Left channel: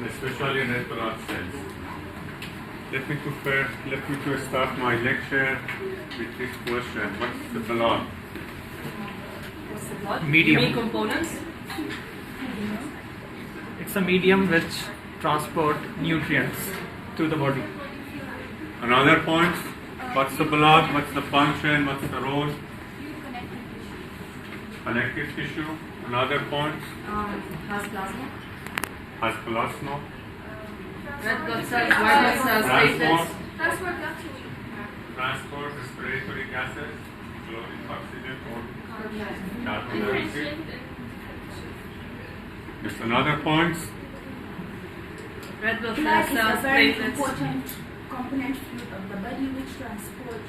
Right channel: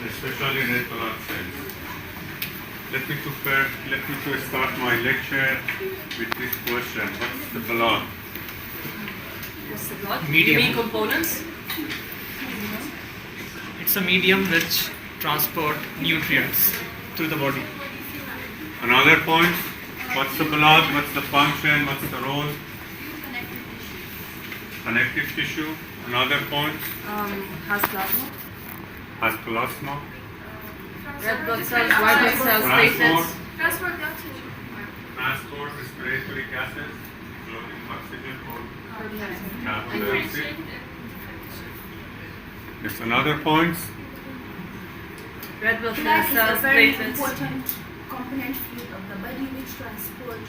and especially red blood cells. Let me to start my lecture with this question. What's the blood? What's the blood? Medium. Main components? It's a medium which transport nutrients through the body. Another point. What's the blood? What's the function? What's the role? Connective tissue. Another point. Has plasma. Has plasma. Red blood cells, white blood cells, Transport. platelets. Transport the oxygen. Transport respiratory gases, including oxygen or Okay. carbon dioxide. There's another point. Red blood Blood is a cells, very platelets. important component fluid of the body which transport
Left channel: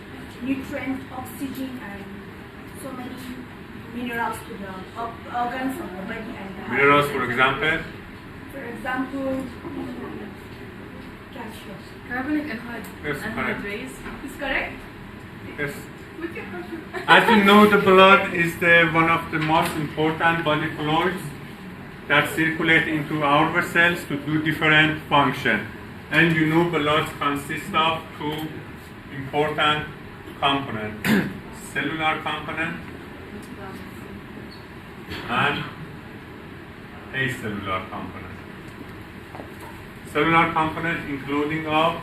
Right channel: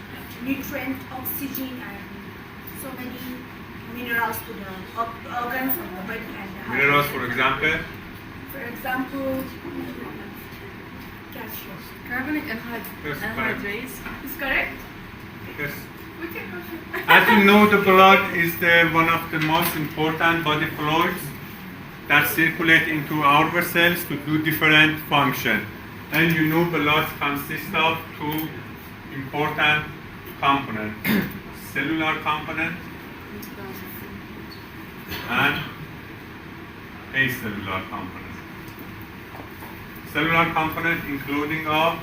nutrient, oxygen, and so many minerals to the organs of the body and the heart. Minerals, for example. For example, calcium. Carbonic Yes, correct. anhydrase. Is correct? Yes. We can As you know, the blood is one of the most important body fluids that circulate into our vessels to do different functions. And you know, blood consists of two important components: cellular component and acellular component. Cellular component including of,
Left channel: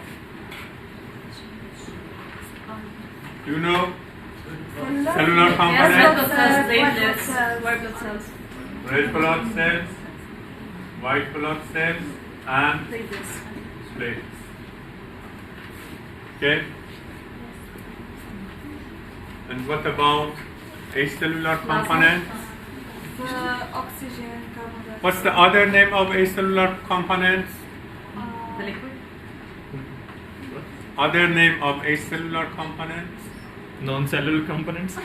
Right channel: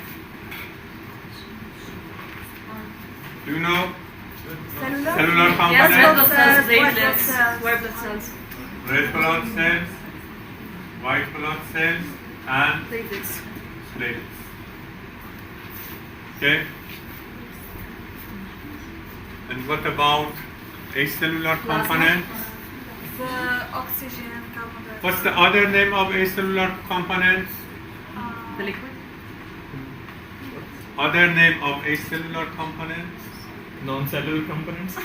do you know? Cellular Yes, component, red blood cells, white blood platelets, cells. white blood cells, red blood cells, white blood cells, and platelets. platelets. Okay? And what about acellular component? The oxygen, carbon dioxide. What's the other name of acellular components? The liquid? Other name of acellular components? Non-cellular components.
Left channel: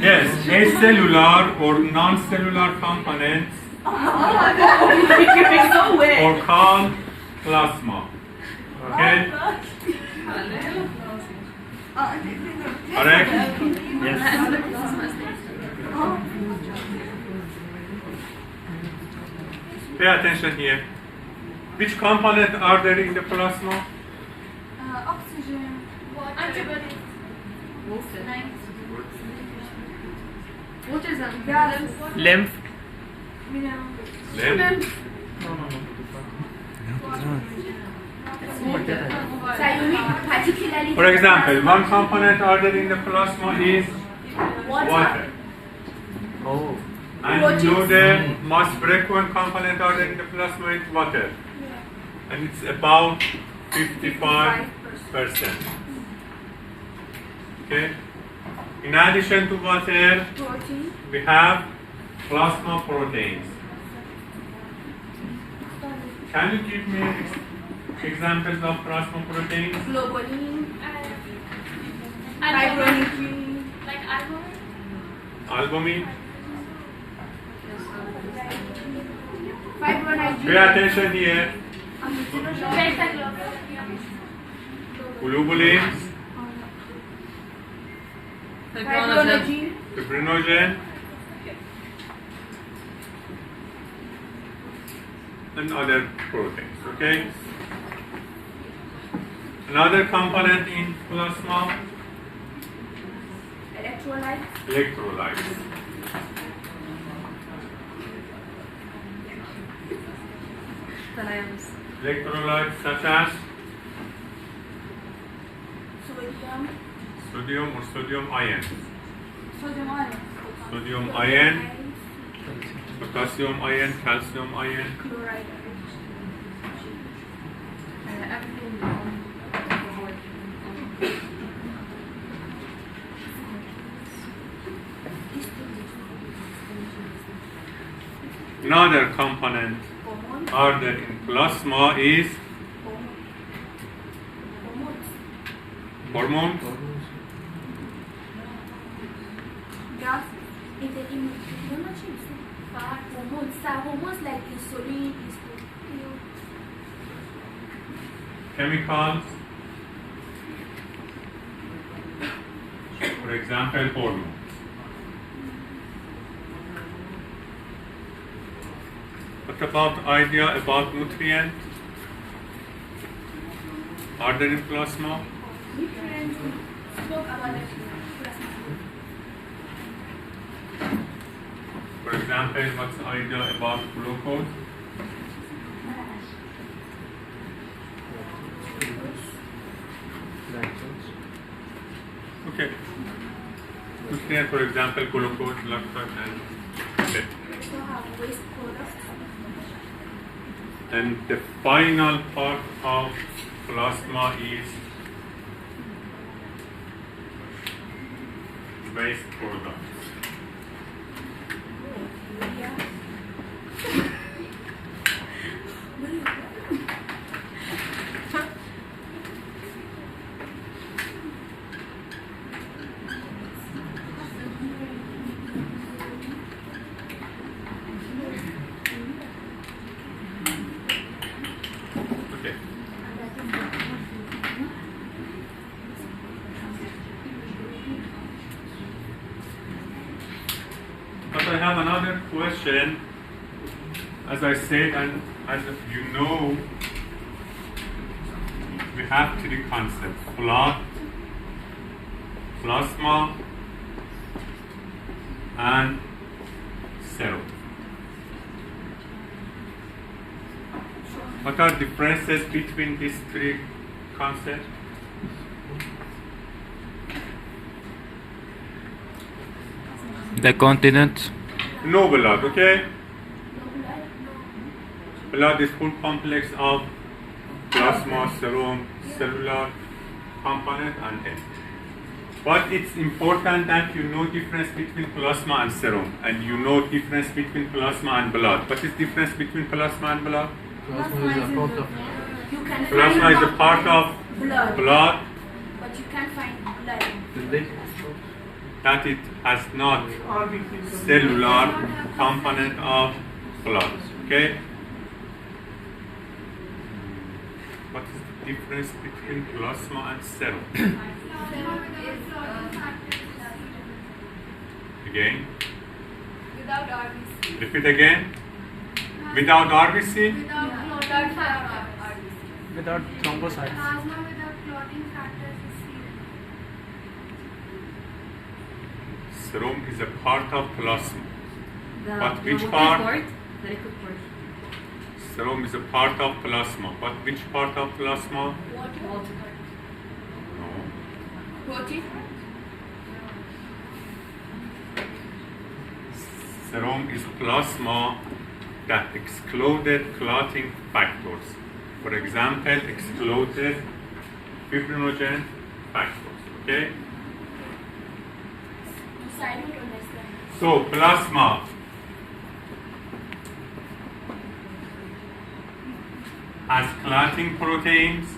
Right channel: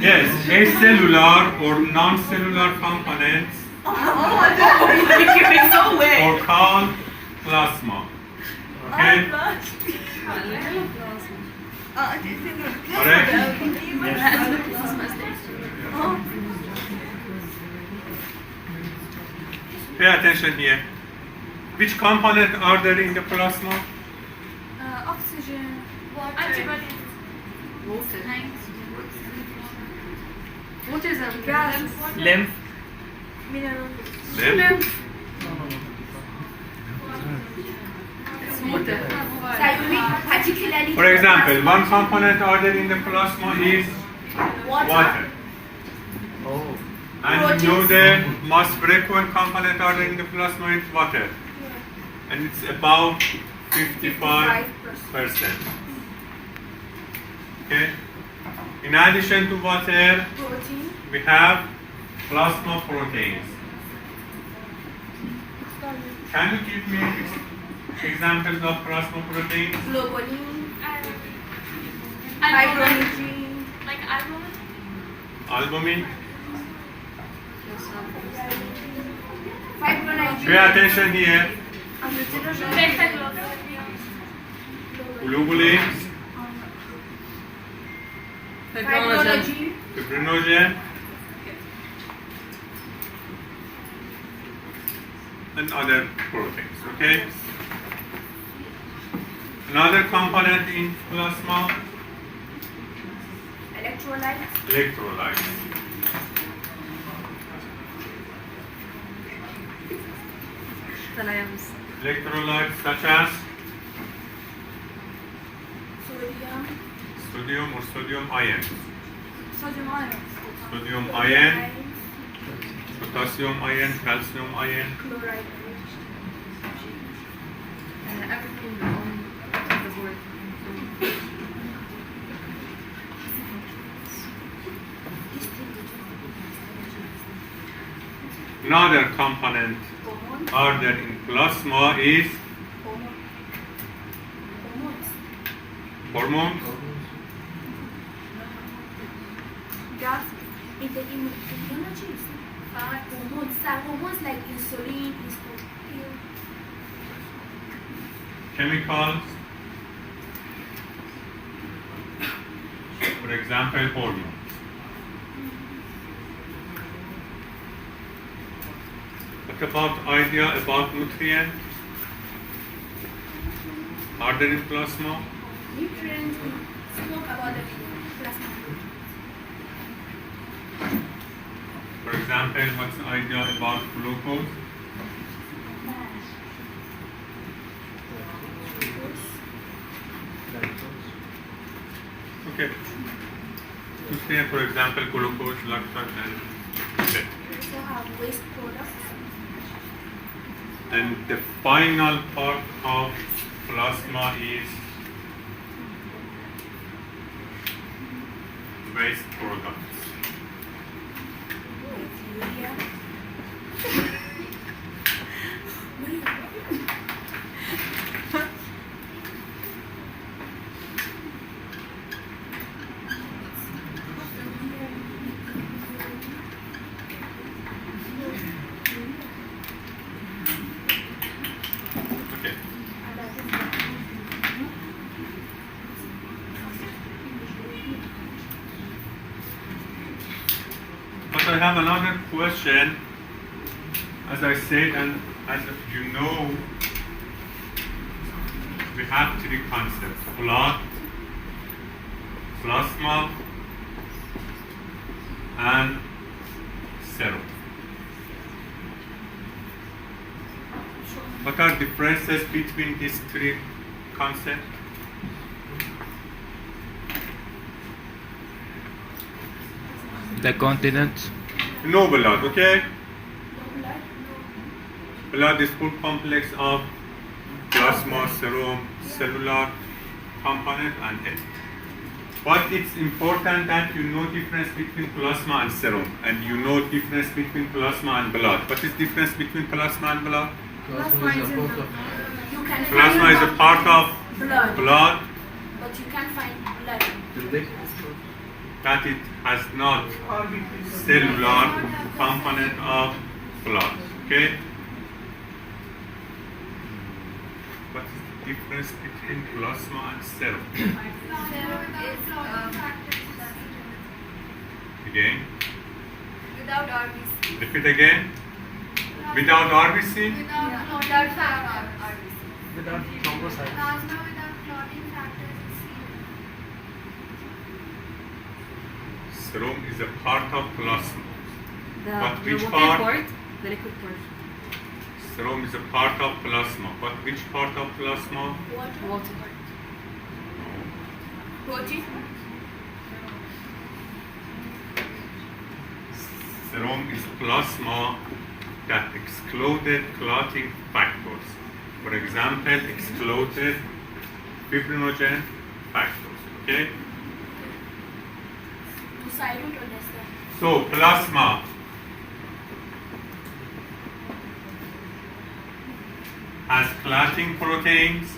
Yes, acellular or non-cellular components Oh my god! You're so weird. are called plasma. Okay? Correct? Oh. Pay attention here. Which component are there in the plasma? Oxygen. Antibodies. Water. Water is a Gas. Lymph. Mineral. Then, It's water. Particularly. for example, one component are there in the plasma is water. Oh. And you know the most frequent component are there in the plasma is water. And it's about 55%. Okay? In addition to water, Protein. we have plasma proteins. Can you give me examples of plasma proteins? Globulin. Albumin. Fibrinogen. Like albumin? Albumin. Fibrinogen. Pay attention here. Beta globin. Globulins, Fibrinogen. Fibrinogen. fibrinogen, and other proteins. Okay. Another component in plasma, Electrolytes. electrolytes. Salams. Electrolytes such as Sodium. sodium or sodium ion, Sodium ion. sodium ion, potassium ion, calcium ion. Chloride. Another component Hormones. ordered in plasma is Hormones. hormones, Gas. In the immunology, hormones. Hormones like insulin, estrogen. chemicals, for example, hormones. What about idea about nutrient? Are there in plasma? Nutrients, we spoke about the plasma. For example, what's the idea about glucose? Okay. Nutrient, for example, glucose, lactose, and okay. We also have waste products. And the final part of plasma is waste products. Okay. But I have another question. As I said, and as you know, we have three concepts: blood, plasma, and serum. What are differences between these three concepts? The continent. No blood, okay? Blood is full complex of plasma, serum, cellular component, and egg. But it's important that you know difference between plasma and serum, and you know difference between plasma and blood. What is difference between plasma and blood? Plasma is in the you can Plasma find is a part of blood but you can't find blood. that it has not cellular component of blood. Okay? What is the difference between plasma and serum? Again? Without RBC. Repeat again. Without RBC? Without factor. Without thrombocytes. Plasma without clotting factors is serum. Serum is a part of plasma. But The which water part? part? The liquid part. Serum is a part of plasma. But which part of plasma? Water part. No. Protein. Serum is plasma that excluded clotting factors. For example, excluded fibrinogen factors. Okay? So I don't understand. So plasma has clotting proteins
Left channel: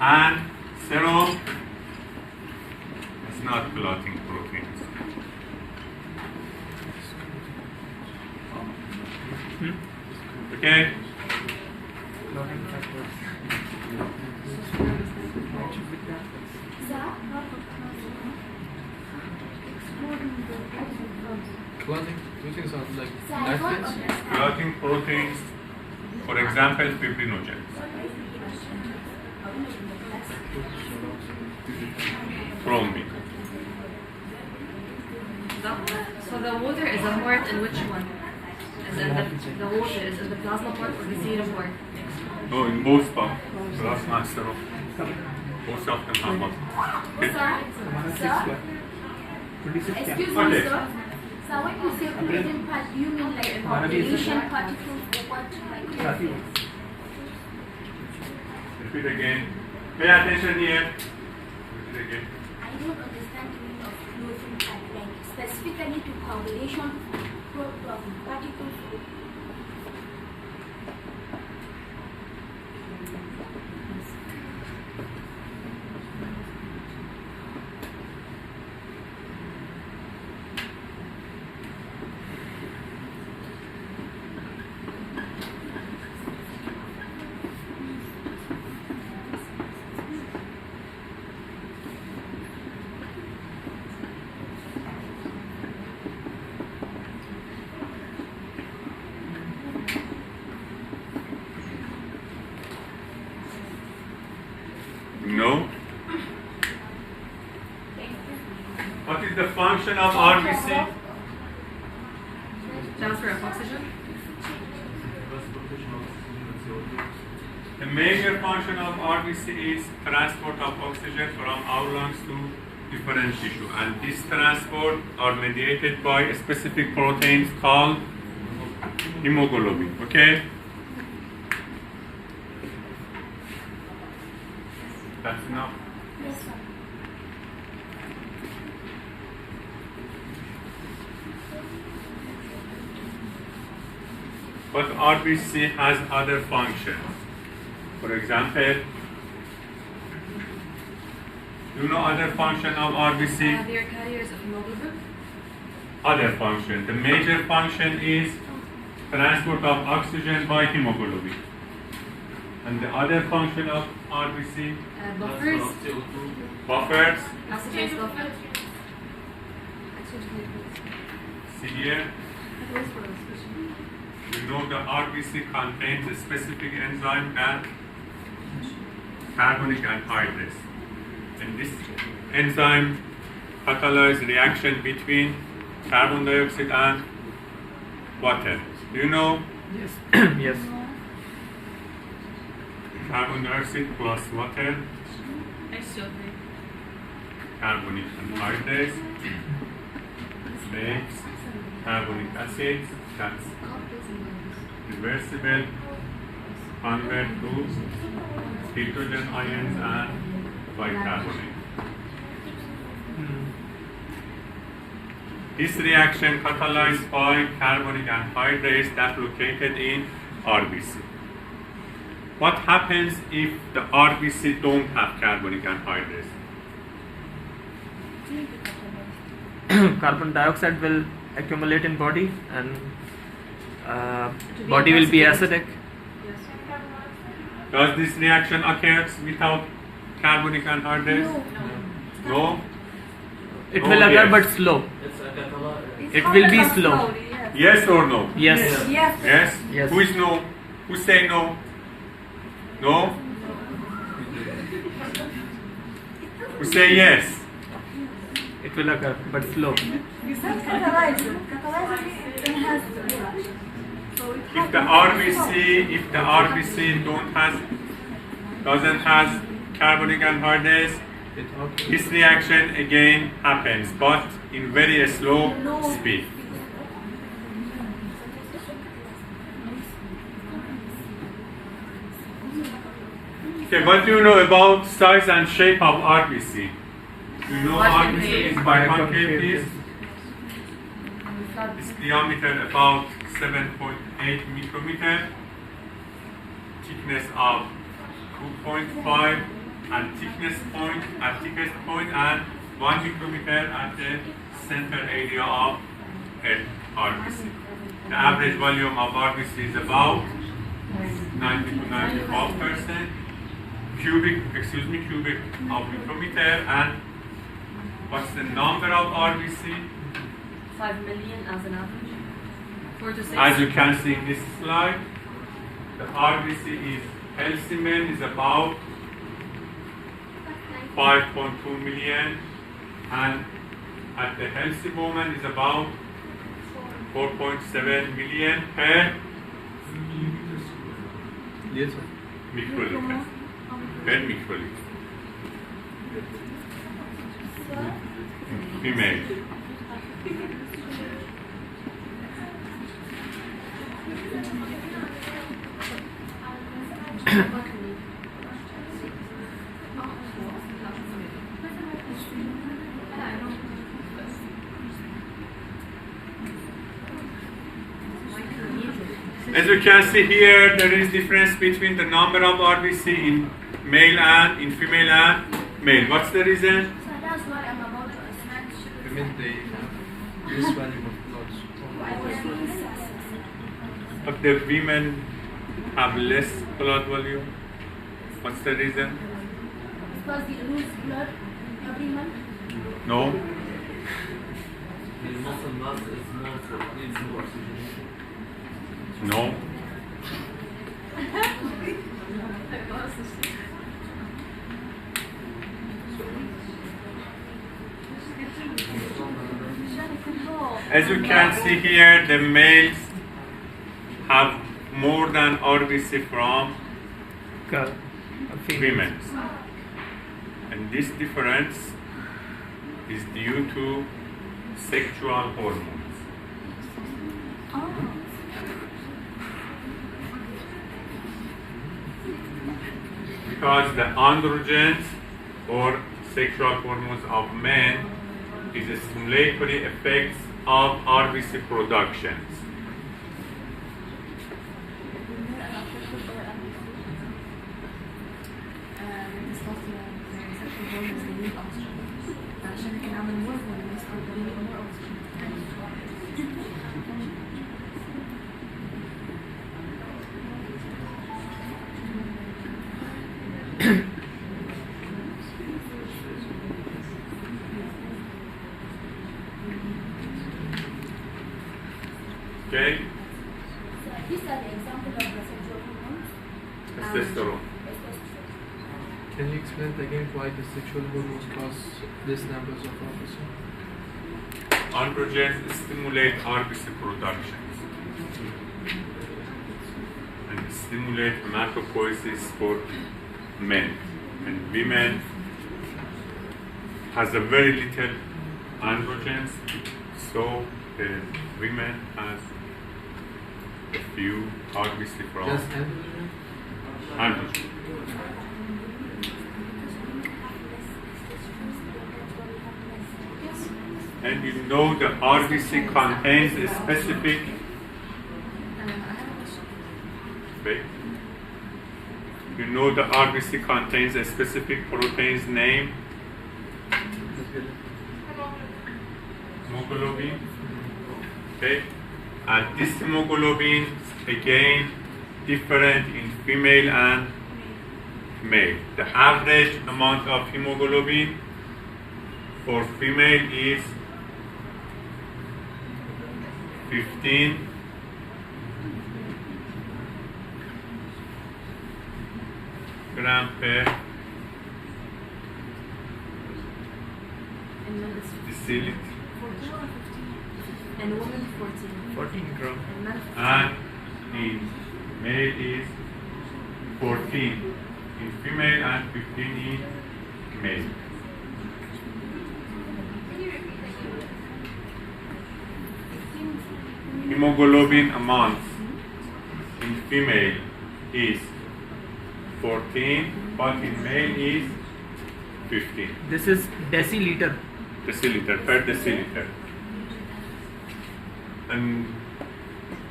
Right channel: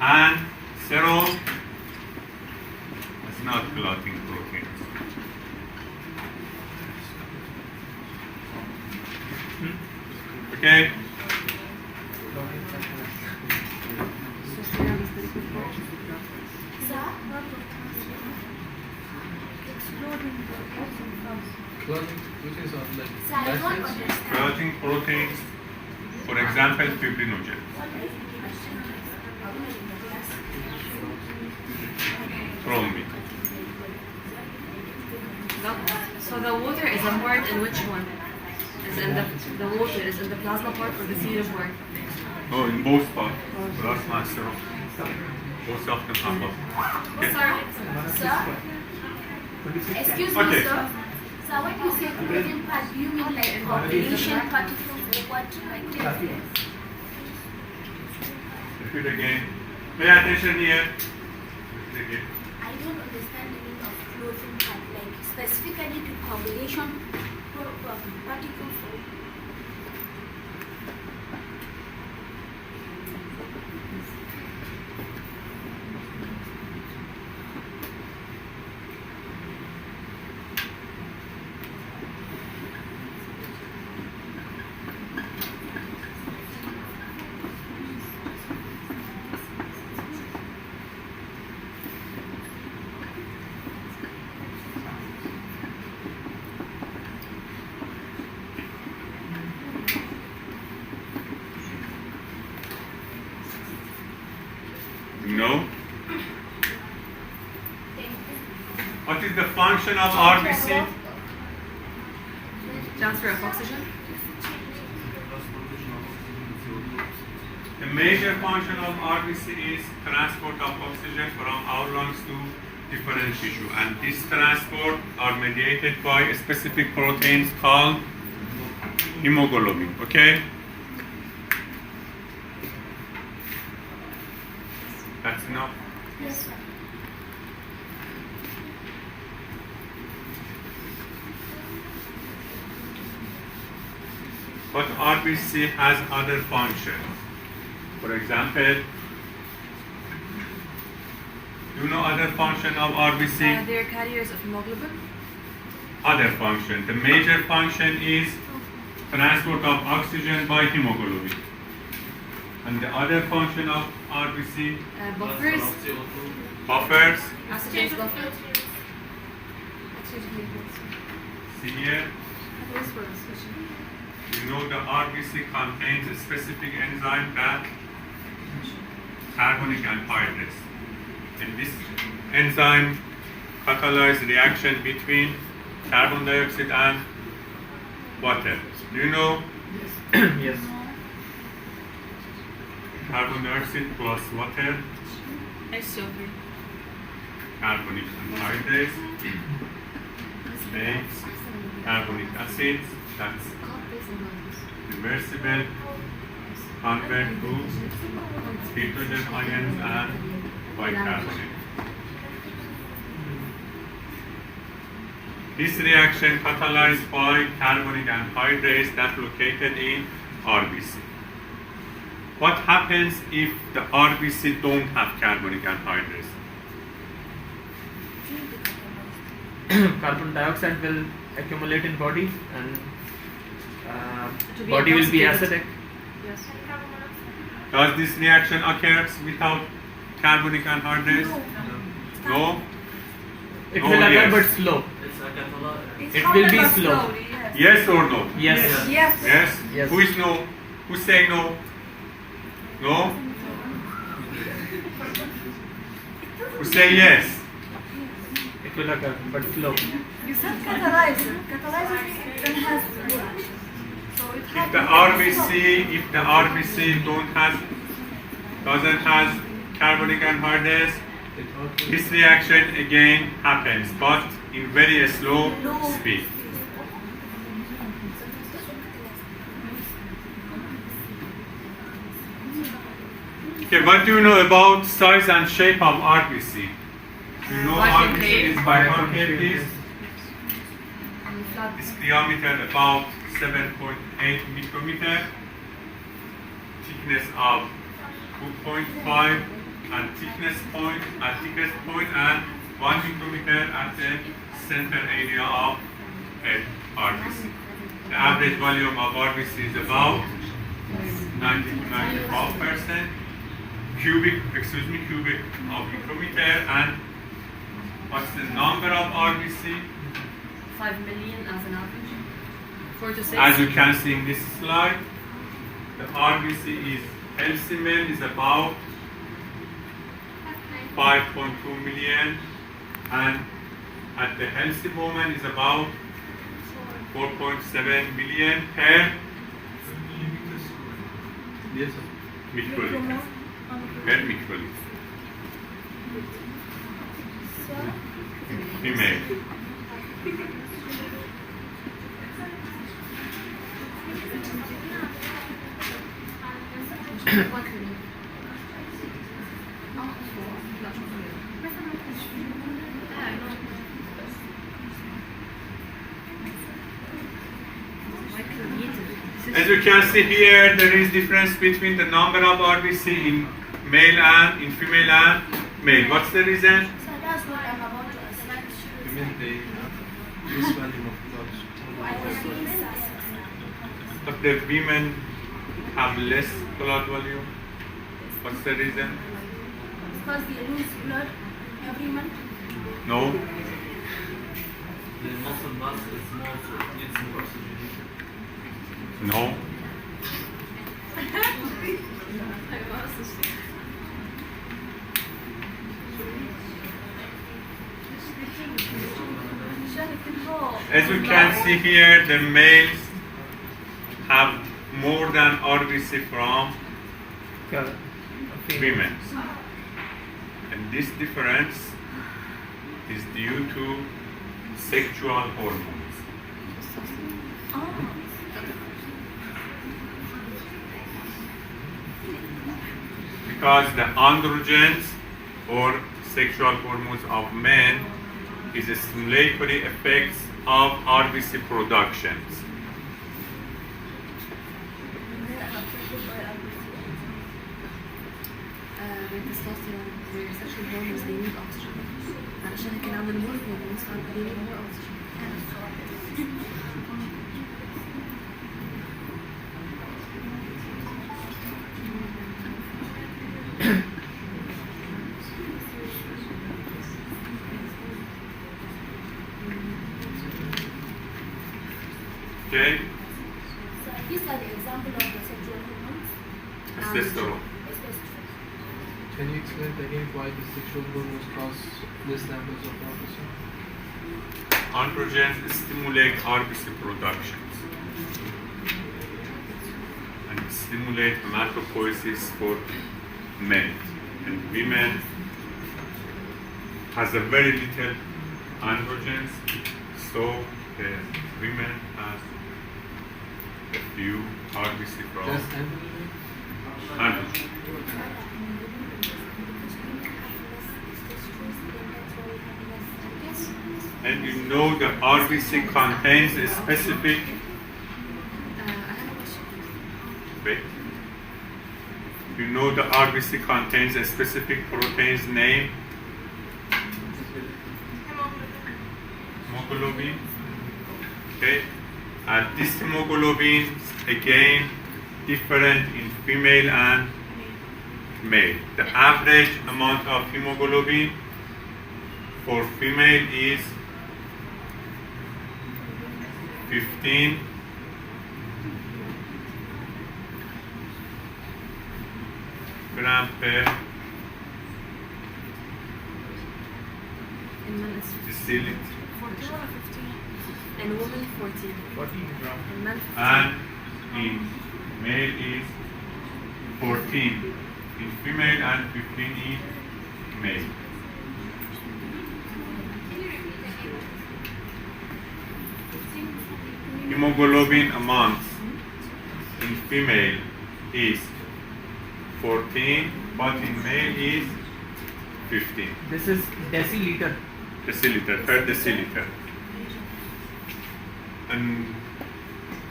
and serum has not clotting proteins. Okay? Which is like So I don't acids? understand. Clotting proteins, for example, fibrinogen. Thrombin. So the water is a part in which one? Is in the water is in the plasma part or the serum part? No, in both parts. Plasma and serum. Both of them are both. Okay? Sir? Excuse me, Okay. sir. So when you say clothing part, do you mean like population particles or what? Like Repeat again. Pay attention here. Repeat again. I don't understand the meaning of clothing part, like specifically to coagulation particles. No. What is the function of RBC? Transfer of oxygen. The major function of RBC is transport of oxygen from our lungs to different tissue, and this transport are mediated by specific proteins called hemoglobin. Okay? That's enough. Yes, sir. But RBC has other functions. For example, you know other function of RBC? They are carriers of hemoglobin. Other function. The major function is transport of oxygen by hemoglobin. And the other function of RBC, Buffers. buffers. Oxygen buffer. See here, you know the RBC contains a specific enzyme that carbonic anhydrase. And this enzyme catalyzes reaction between carbon dioxide and water. Do you know Yes. carbon dioxide plus water, H2O3. carbonic anhydrase makes carbonic acid that's reversible, convert to hydrogen ions and bicarbonate. This reaction catalyzed by carbonic anhydrase that located in RBC. What happens if the RBC don't have carbonic anhydrase? Carbon dioxide will accumulate in body and To be body will be intoxicated. acidic. Yes. Does this reaction occurs without carbonic anhydrase? No. It No, will occur yes. but slow. It's It will be happened slow. slowly, yes. Yes or no? Yes. Yes. Yes? Yes. Who is no? Who say no? No? Who say yes? It will occur but slow. You said catalyzer. Catalyzer means it enhances the reaction. So it If the happens RBC doesn't has carbonic anhydrase, this reaction again happens, but in very slow speed. Okay, what do you know about size and shape of RBC? You know RBC is biconcave disc. Its diameter about 7.8 micrometer, thickness of 2.5 and thickest point and 1 micrometer at the center area of head RBC. The average volume of RBC is about 90 to 95% cubic of micrometer. And what's the number of RBC? 5 million as an average. 4 to 6. As you can see in this slide, the RBC is healthy man is about 5.2 million, and at the healthy woman is about 4.7 million per Yes, sir. microliter. Per microliter. Female. As you can see here, there is difference between the number of RBC in male and in female and male. What's the reason? So that's what I'm about to ask. You mean they have this volume of blood? I was doing SAS. But the women have less blood volume. What's the reason? Because we lose blood every month. No. The muscle mass is more, so it needs more oxygenation. No. As you can see here, the males have more than RBC from women. And this difference is due to sexual hormones. Because the androgens or sexual hormones of men is a stimulatory effects of RBC productions. التستوستيرون والسكشوال هرمونز they need oxygen علشان كان عندنا more hormones they need more oxygen. Okay? So these are the example of the sexual hormones. Testosterone. Testosterone. Can you explain again why the sexual hormones cause these levels of RBC? Androgens stimulate RBC productions and stimulate hematopoiesis for men. And women has a very little androgens, so the women has a few RBC from Just androgen? androgen. And you know the RBC contains a specific wait. You know the RBC contains a specific protein's name? Hemoglobin. Okay. And this hemoglobin is again different in female and male. The average amount of hemoglobin for female is 15 gram per And men is deciliter. 14 or 15 and women 14. 14 gram. And men 15. And in male is 14 in female and 15 in male. Hemoglobin amount in female is 14, but in male is 15 This is deciliter. deciliter per deciliter. And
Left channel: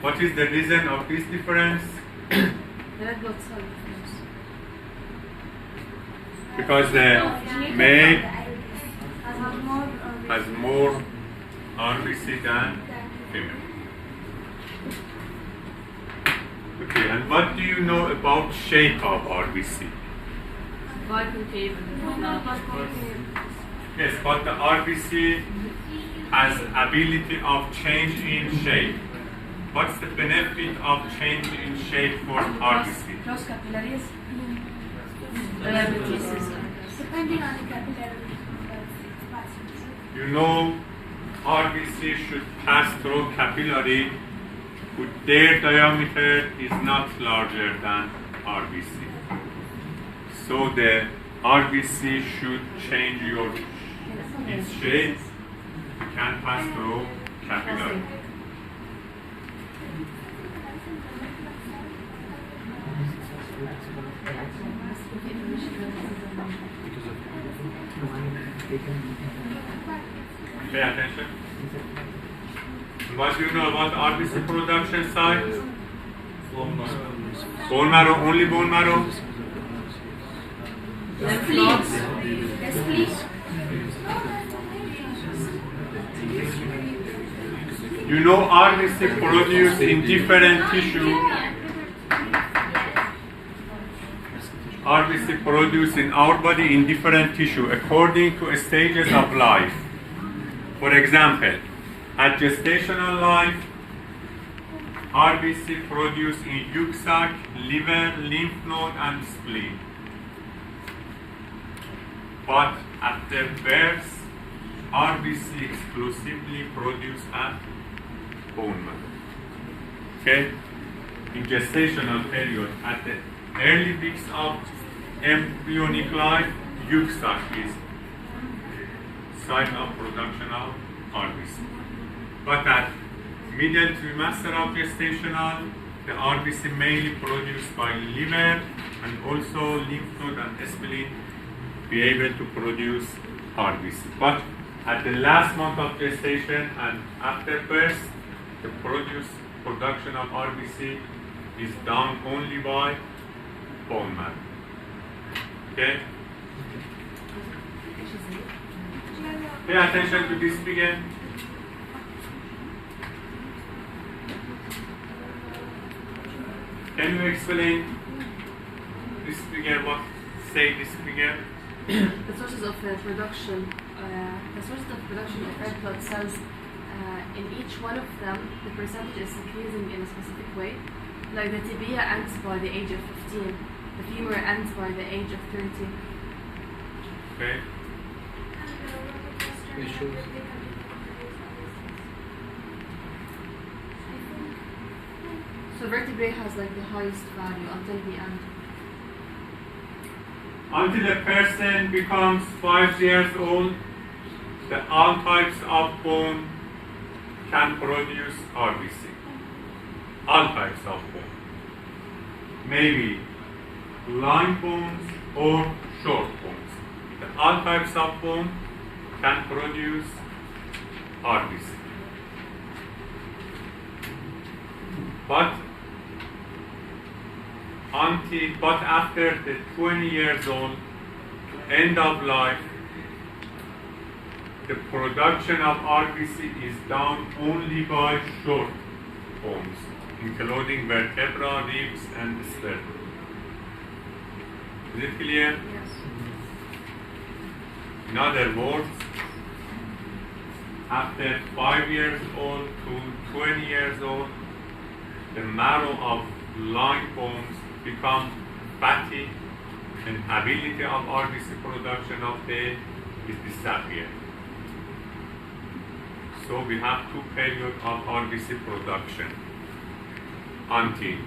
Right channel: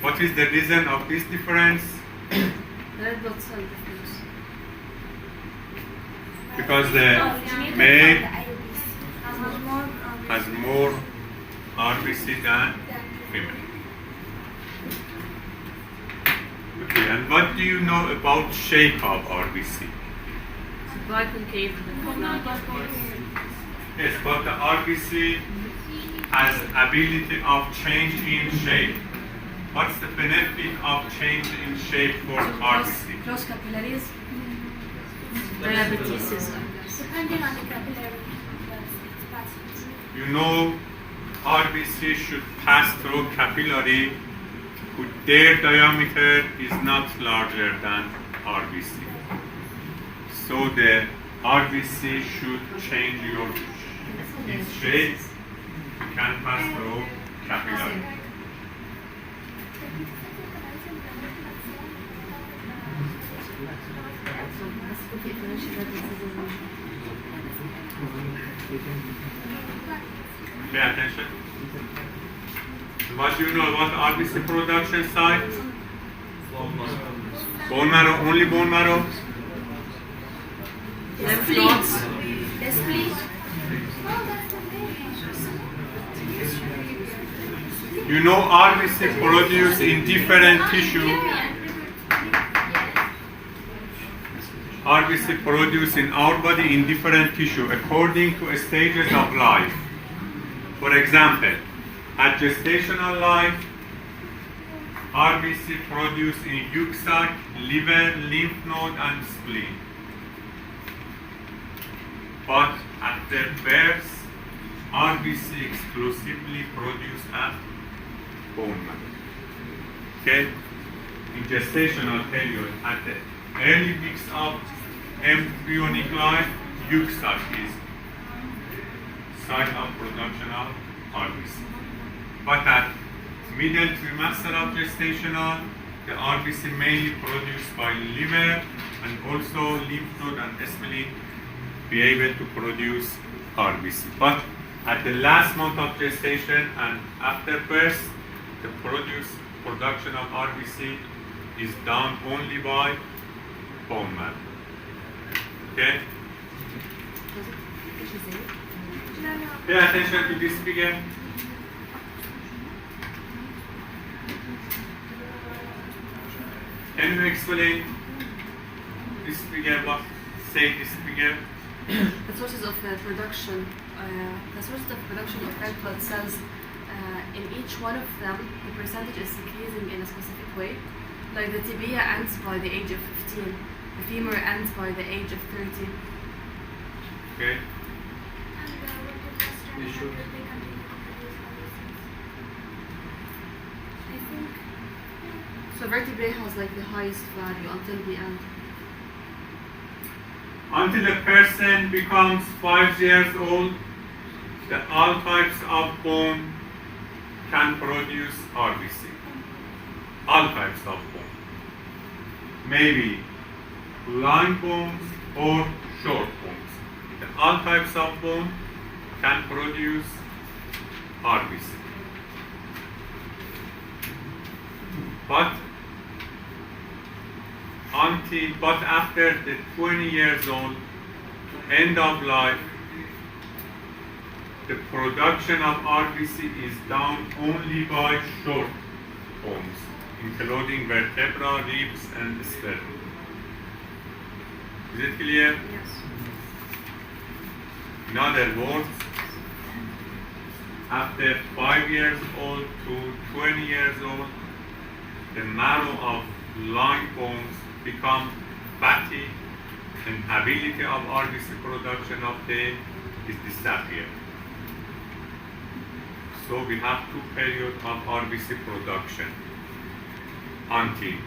what is the reason of this difference? The red blood cell difference. Because the Genetic male of the IUDs has more has more RBC than female. Okay, and what do you know about shape of RBC? Black concave and Yes, but the RBC has ability of change in shape. What's the benefit of change in shape for RBC? Cross capillaries. Diabetes. depending on the capillary that it's passing through. You know RBC should pass through capillary with their diameter is not larger than RBC. So the RBC should change its shape. You can pass through capillary. Pay attention. What do you know about RBC production site? Bone marrow, only bone marrow? Spleen. The spleen. You know RBC produced in different tissue. RBC produced in our body in different tissue according to stages of life. For example, at gestational life, RBC produced in yolk sac, liver, lymph node, and spleen. But at the birth, RBC exclusively produced at bone marrow. Okay? In gestational period, at the early weeks of embryonic life, euxach is site of production of RBC. But at middle trimester of gestational, the RBC mainly produced by liver and also lymph node and spleen be able to produce RBC. But at the last month of gestation and after birth, the production of RBC is done only by bone marrow. Okay? Pay attention to this figure. Can you explain this figure? What say this figure? The sources of production, the sources of production of red blood cells, in each one of them, the percentage is decreasing in a specific way. Like the tibia ends by the age of 15, the femur ends by the age of 30. Okay. And It shows. So vertebrae has like the highest value until the end. Until a person becomes 5 years old, all types of bone can produce RBC. All types of bone. Maybe long bones or short bones. All types of bone can produce RBC. But after the 20 years old, end of life, the production of RBC is done only by short bones, including vertebra, ribs, and sternum. Is it clear? Yes. In other words, after 5 years old to 20 years old, the marrow of long bones become fatty, and ability of RBC production of the is disappear. So we have 2 periods of RBC production. Until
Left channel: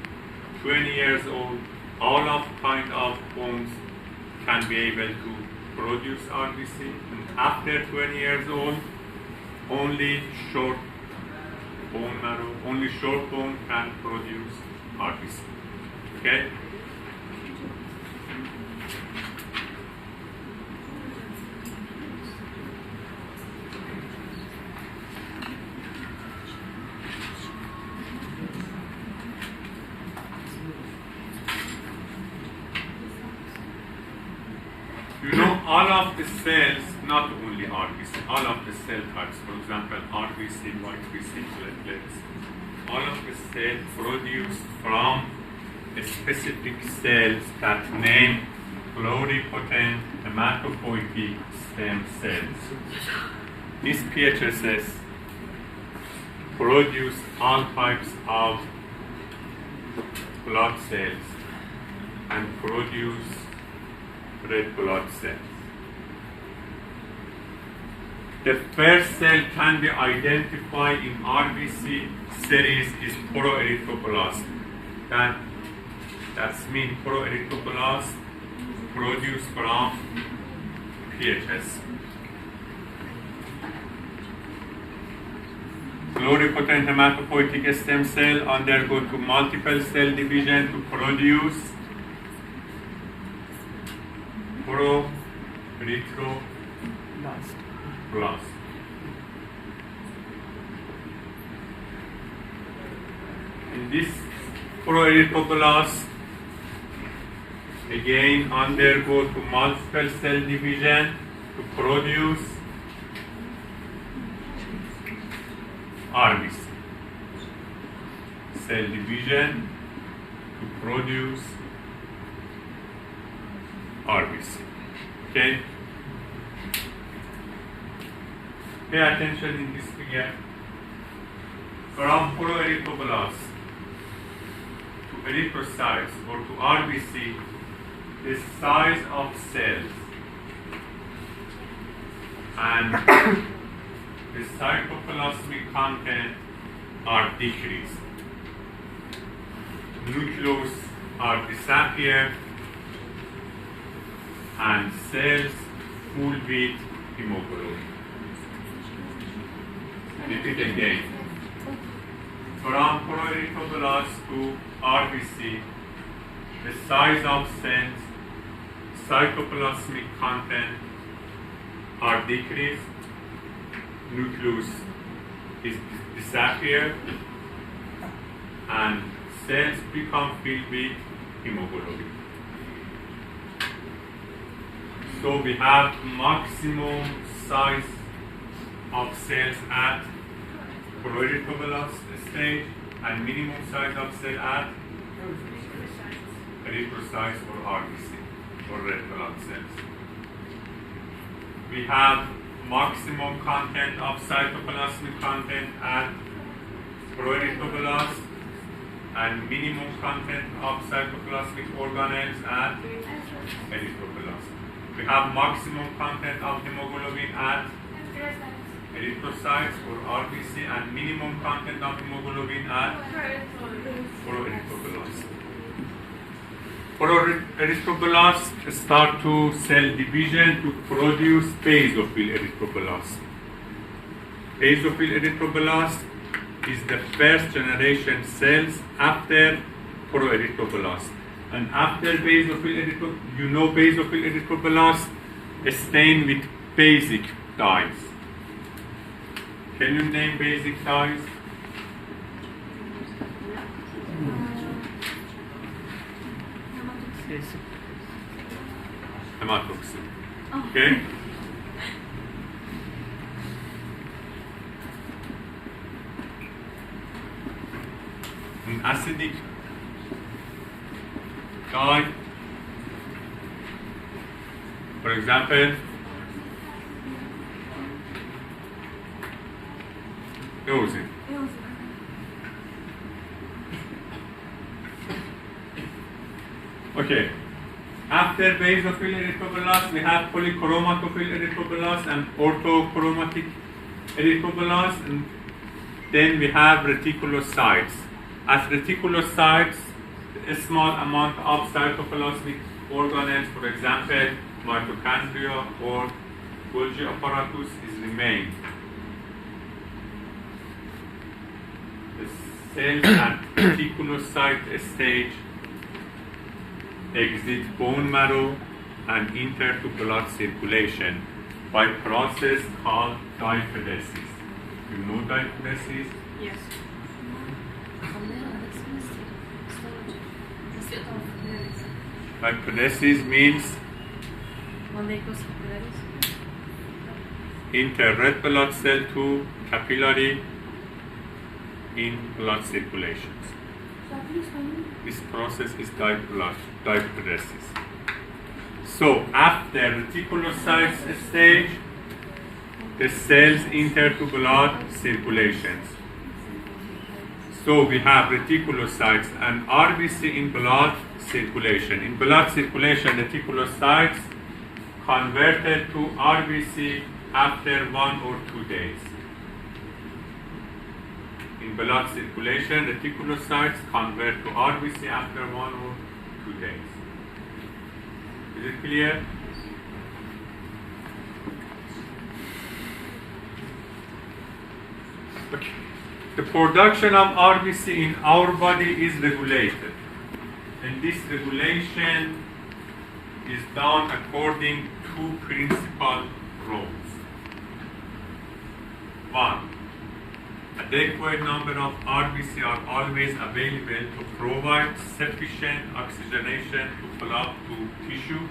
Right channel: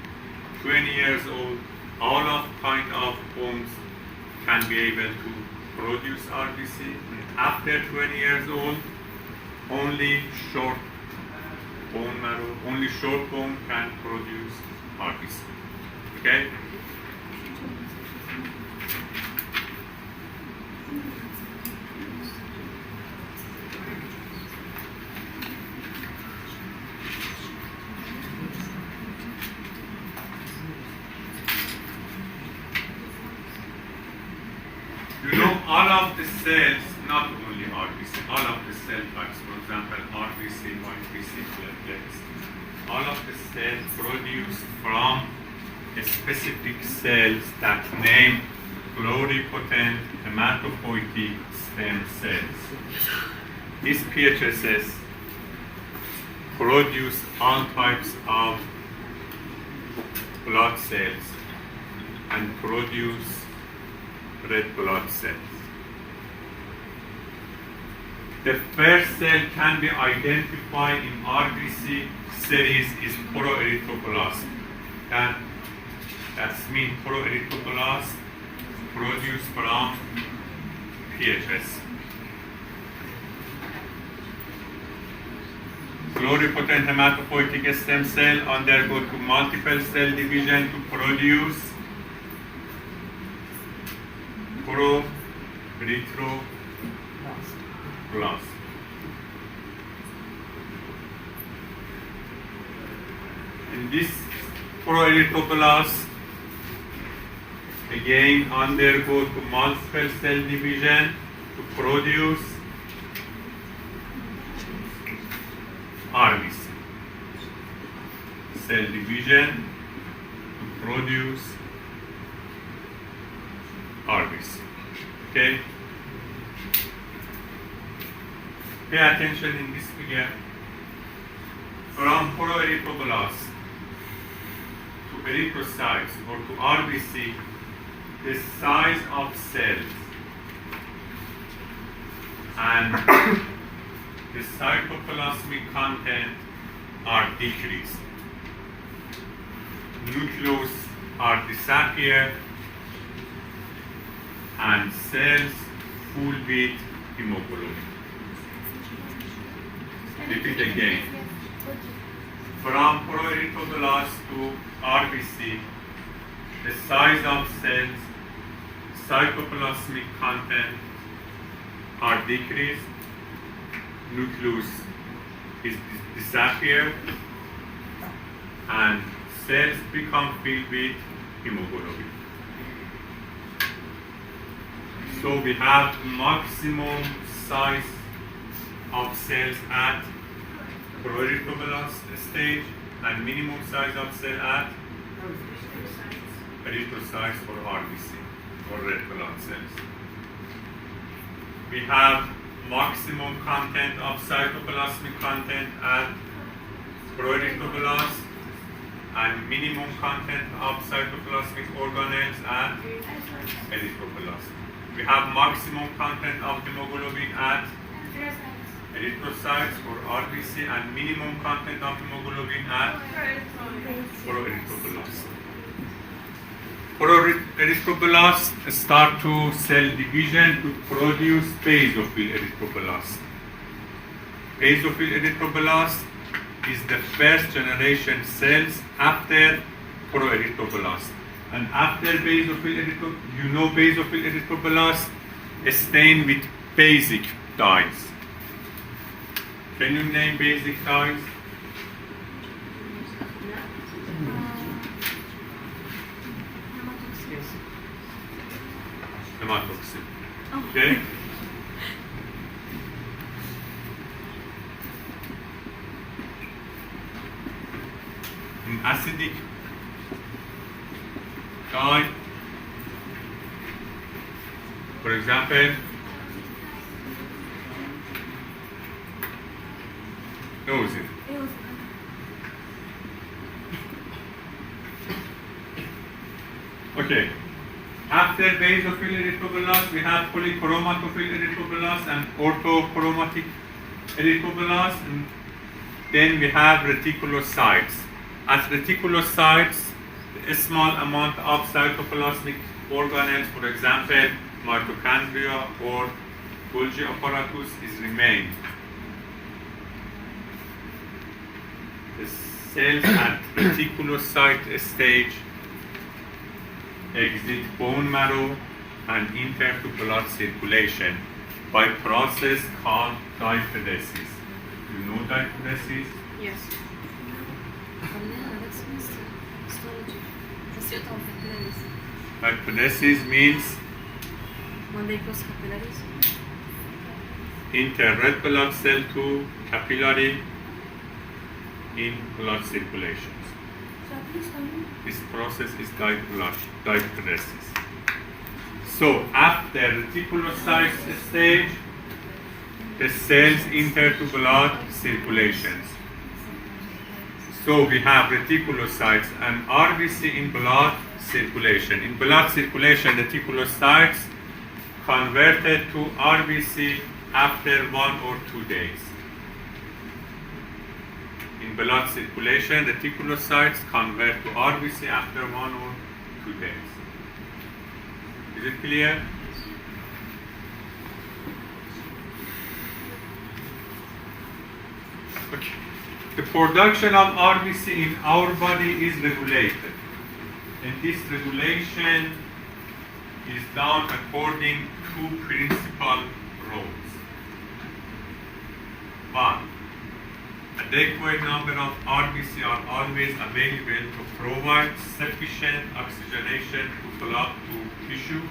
20 years old, all of kind of bones can be able to produce RBC, and after 20 years old, only short bone marrow, only short bone can produce RBC. Okay? You know, all of the cells, not only RBC, all of the cell types, for example, RBC, YBC, platelets, all of the cells produced from specific cells that name pluripotent hematopoietic stem cells. These PHSs produce all types of blood cells and produce red blood cells. The first cell can be identified in RBC series is proerythroblast. That's mean proerythroblast produced from PHS. Pluripotent hematopoietic stem cell undergo to multiple cell division to produce proerythroblast. And this proerythroblast again undergo to multiple cell division to produce RBC. Cell division to produce RBC. Okay? Pay attention in this figure. From proerythroblast to erythrocytes or to RBC, the size of cells and the cytoplasmic content are decreased. Nucleus are disappear and cells full with hemoglobin. Repeat again. From proerythroblast to RBC, the size of cells, cytoplasmic content are decreased, nucleus is disappear, and cells become filled with hemoglobin. So we have maximum size of cells at proerythroblast stage and minimum size of cell at erythrocytes or RBC or red blood cells. We have maximum content of cytoplasmic content at proerythroblast and minimum content of cytoplasmic organelles at erythroblast. We have maximum content of hemoglobin at erythrocytes or RBC and minimum content of hemoglobin at proerythroblast. Proerythroblasts start to cell division to produce basophil erythroblast. Basophil erythroblast is the first generation cells after proerythroblast. And after basophil erythroblast stained with basic dyes. Can you name basic dyes? Hematoxin. Okay? An acidic dye, for example, eosin. Okay. After basophil erythroblast, we have polychromatophil erythroblast and orthochromatic erythroblast, and then we have reticulocytes. At reticulocytes, a small amount of cytoplasmic organelles, for example, mitochondria or Golgi apparatus, is remained. The cells at reticulocyte stage exit bone marrow and enter to blood circulation by process called diaphoresis. You know diaphoresis? Yes. Diaphoresis means When they cross capillaries. enter red blood cell to capillary in blood circulations. So please continue. This process is diaphoresis. So after reticulocyte stage, the cells enter to blood circulations. So we have reticulocytes and RBC in blood circulation. In blood circulation, reticulocytes converted to RBC after 1 or 2 days. In blood circulation, reticulocytes convert to RBC after 1 or 2 days. Is it clear? Okay. The production of RBC in our body is regulated. And this regulation is done according to principal rules. One, adequate number of RBC are always available to provide sufficient oxygenation to flow to tissue.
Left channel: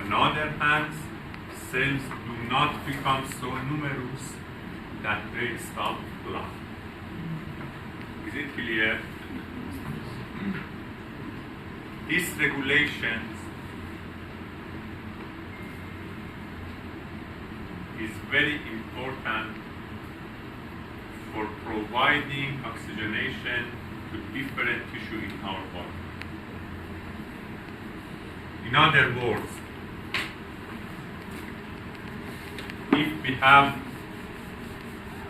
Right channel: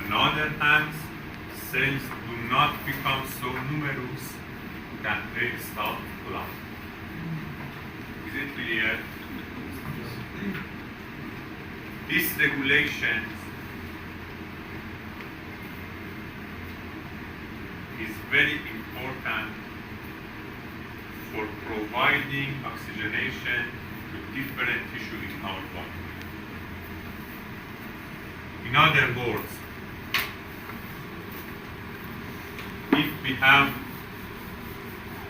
On the other hand, cells do not become so numerous that they stop blood. Is it clear? This regulation is very important for providing oxygenation to different tissue in our body. In other words, if we have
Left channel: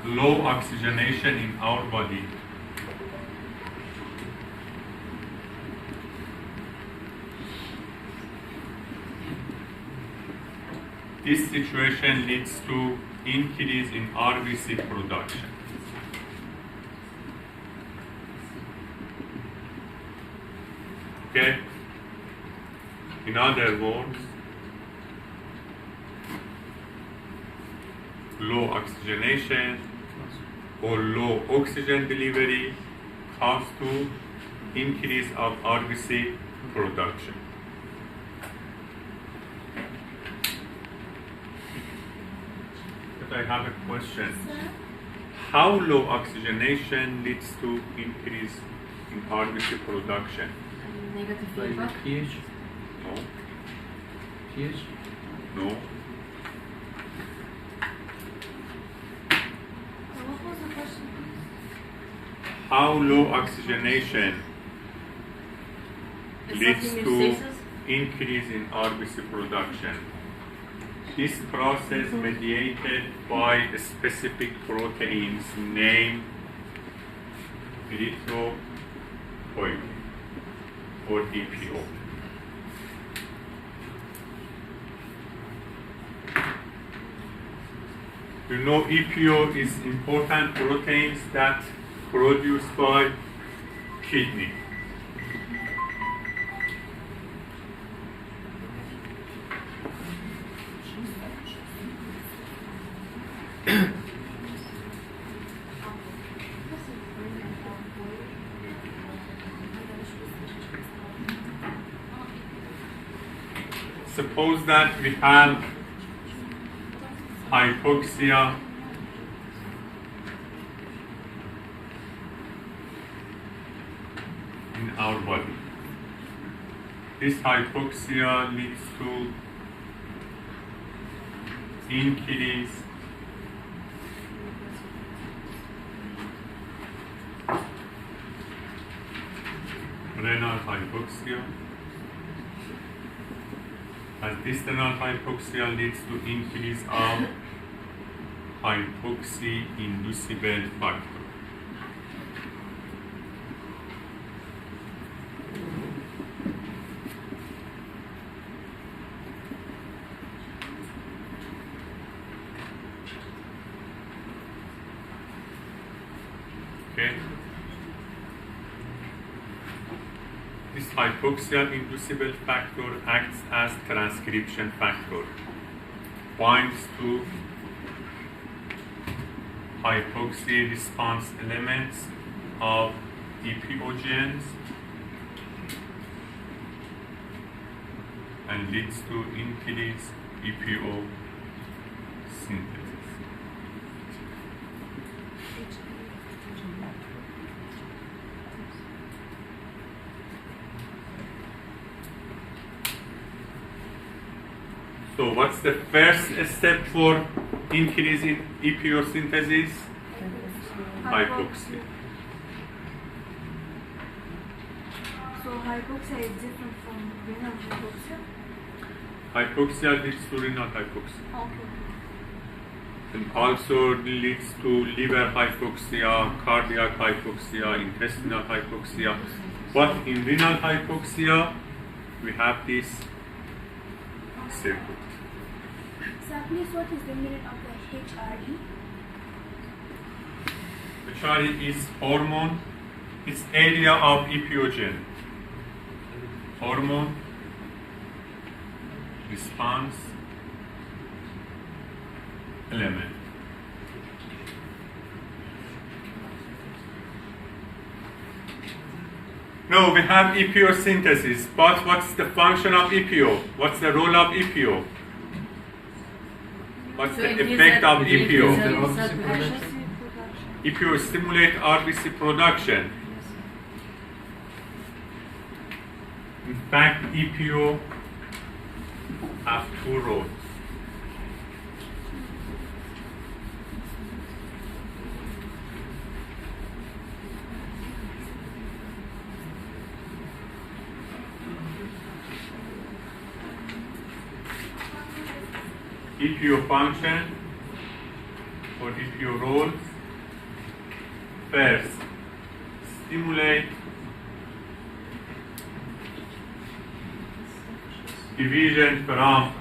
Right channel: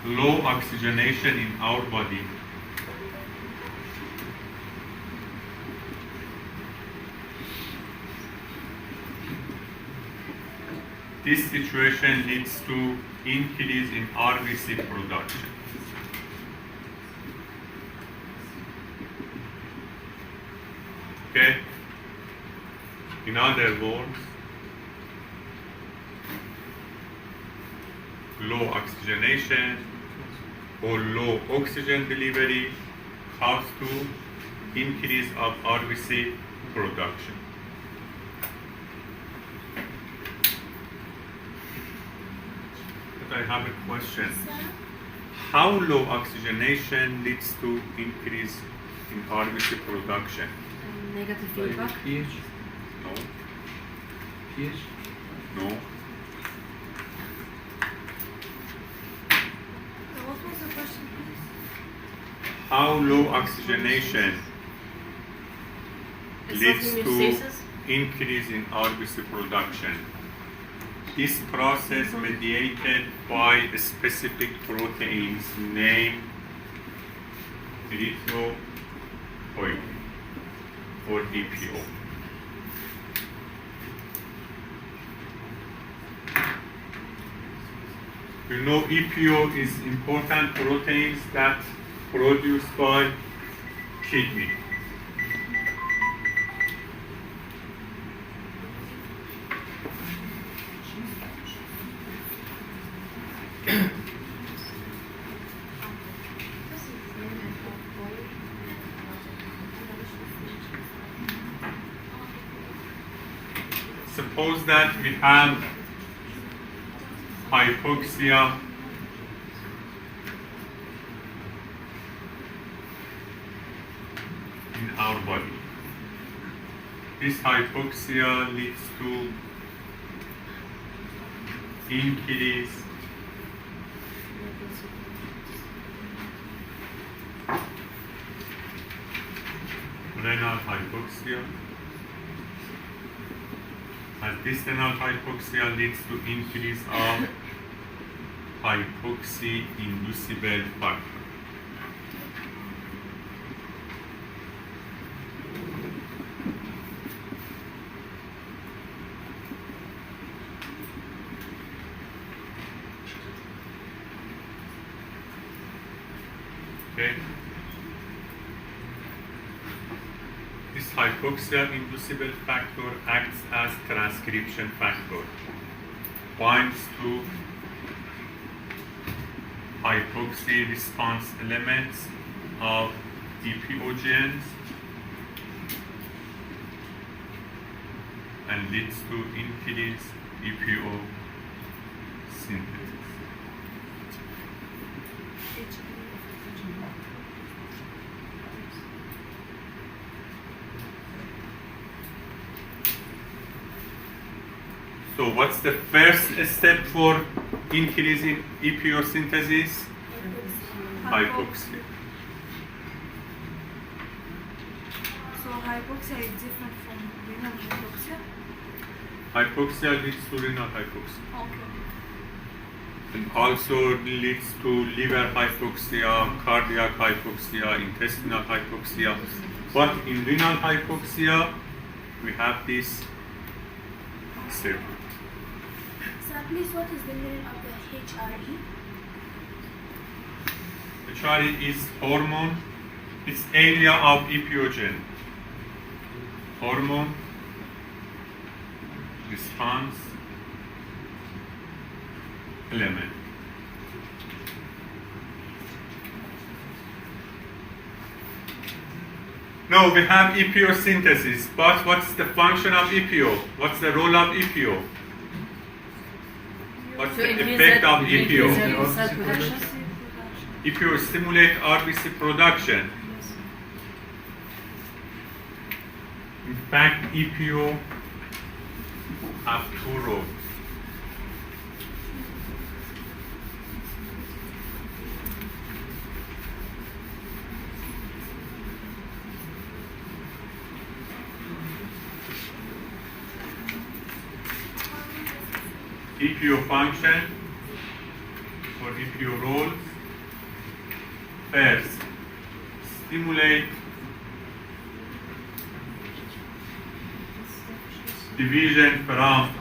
low oxygenation in our body, this situation leads to increase in RBC production. Okay? In other words, low oxygenation or low oxygen delivery cause to increase of RBC production. But I have a question. How low oxygenation leads to increase in RBC production? Negative Like feedback. pH? No, pH? no. What was the question, please? How low oxygenation Is leads something to in stasis? increase in RBC production. This process mediated by specific proteins named erythropoietin or EPO. You know EPO is important proteins that produced by kidney. Suppose that we have hypoxia in our body. This hypoxia leads to increase renal hypoxia. As this renal hypoxia leads to increase of hypoxia-inducible factor. Okay. This hypoxia-inducible factor acts as transcription factor, binds to hypoxia response elements of EPO genes and leads to increased EPO synthesis. So what's the first step for increasing EPO synthesis? Hypoxia. So hypoxia is different from renal hypoxia? Hypoxia leads to renal hypoxia. Okay. And also leads to liver hypoxia, cardiac hypoxia, intestinal hypoxia. But in renal hypoxia, we have this circuit. So please, what is the meaning of the HRE? HRE is hormone. It's area of EPO gene. Hormone response element. No, we have EPO synthesis, but what's the function of EPO? What's the role of EPO? What's the effect of EPO? EPO stimulate RBC production. In fact, EPO have two roles. EPO function few rules. First, stimulate division from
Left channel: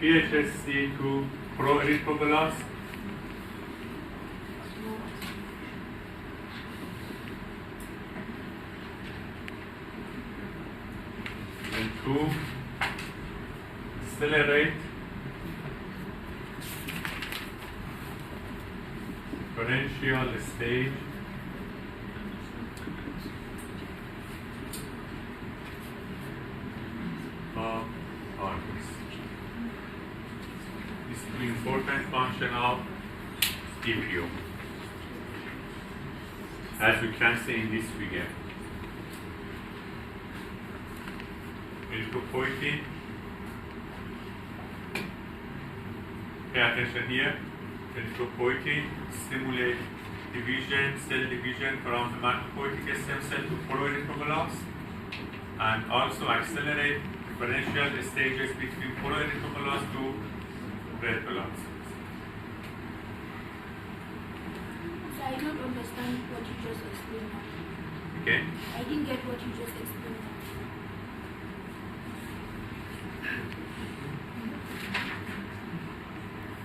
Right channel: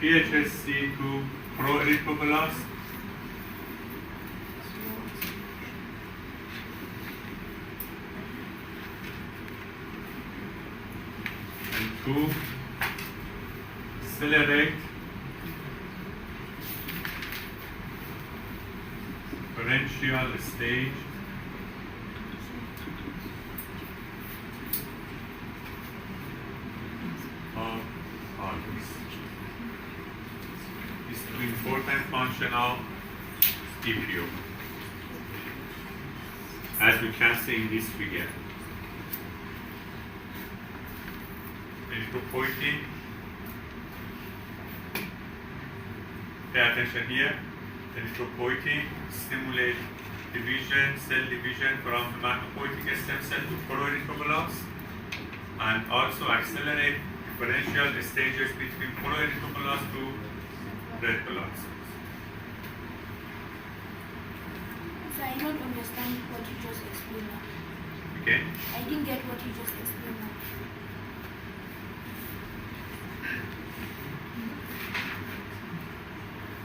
PHSC to proerythroblast. And two, accelerate differential stage of Argus. These two important function of EPO, as you can see in this figure. Erythropoietin. Pay attention here. Erythropoietin stimulate division, cell division from hematopoietic stem cell to proerythroblast, and also accelerate differential stages between proerythroblast to red blood cells. So I don't understand what you just explained now. Okay? I didn't get what you just explained now.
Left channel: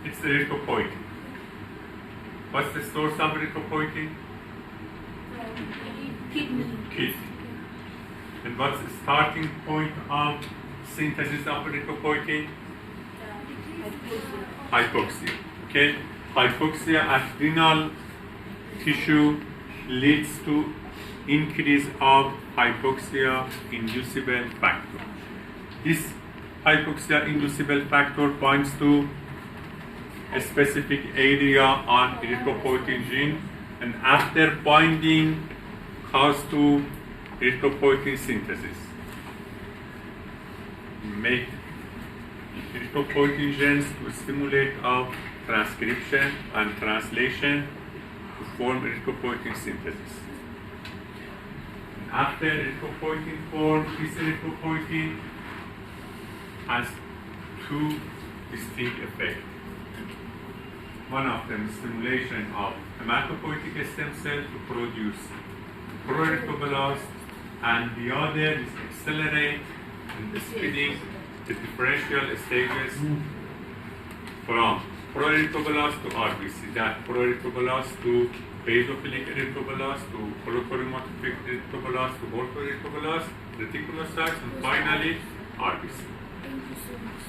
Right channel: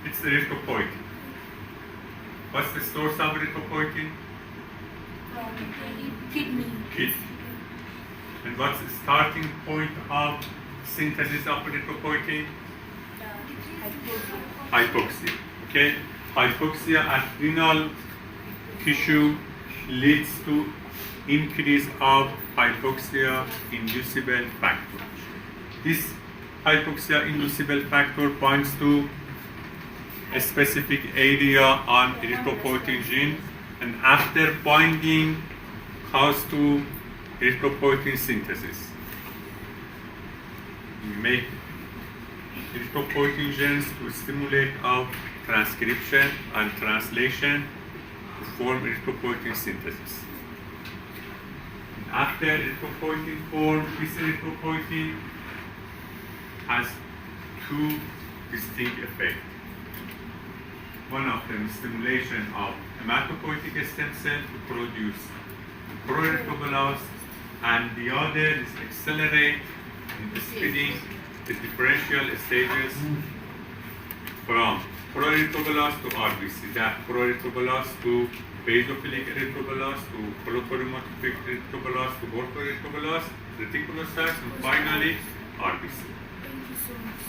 It's erythropoietin. What's the source of erythropoietin? Kidney. Kidney. And what's the starting point of synthesis of erythropoietin? Hypoxia. Okay? Hypoxia at renal tissue leads to increase of hypoxia inducible factor. This hypoxia inducible factor binds to a specific area on erythropoietin gene, and after binding cause to erythropoietin synthesis. Make erythropoietin genes to stimulate of transcription and translation to form erythropoietin synthesis. After erythropoietin form, this erythropoietin has two distinct effects. One of them is stimulation of hematopoietic stem cell to produce proerythroblast, and the other is accelerate in splitting the differential stages from proerythroblast to RBC, that proerythroblast to basophilic erythroblast to proteinuria erythroblast to orthoerythroblast, reticulocytes, and finally RBC. Thank you so much.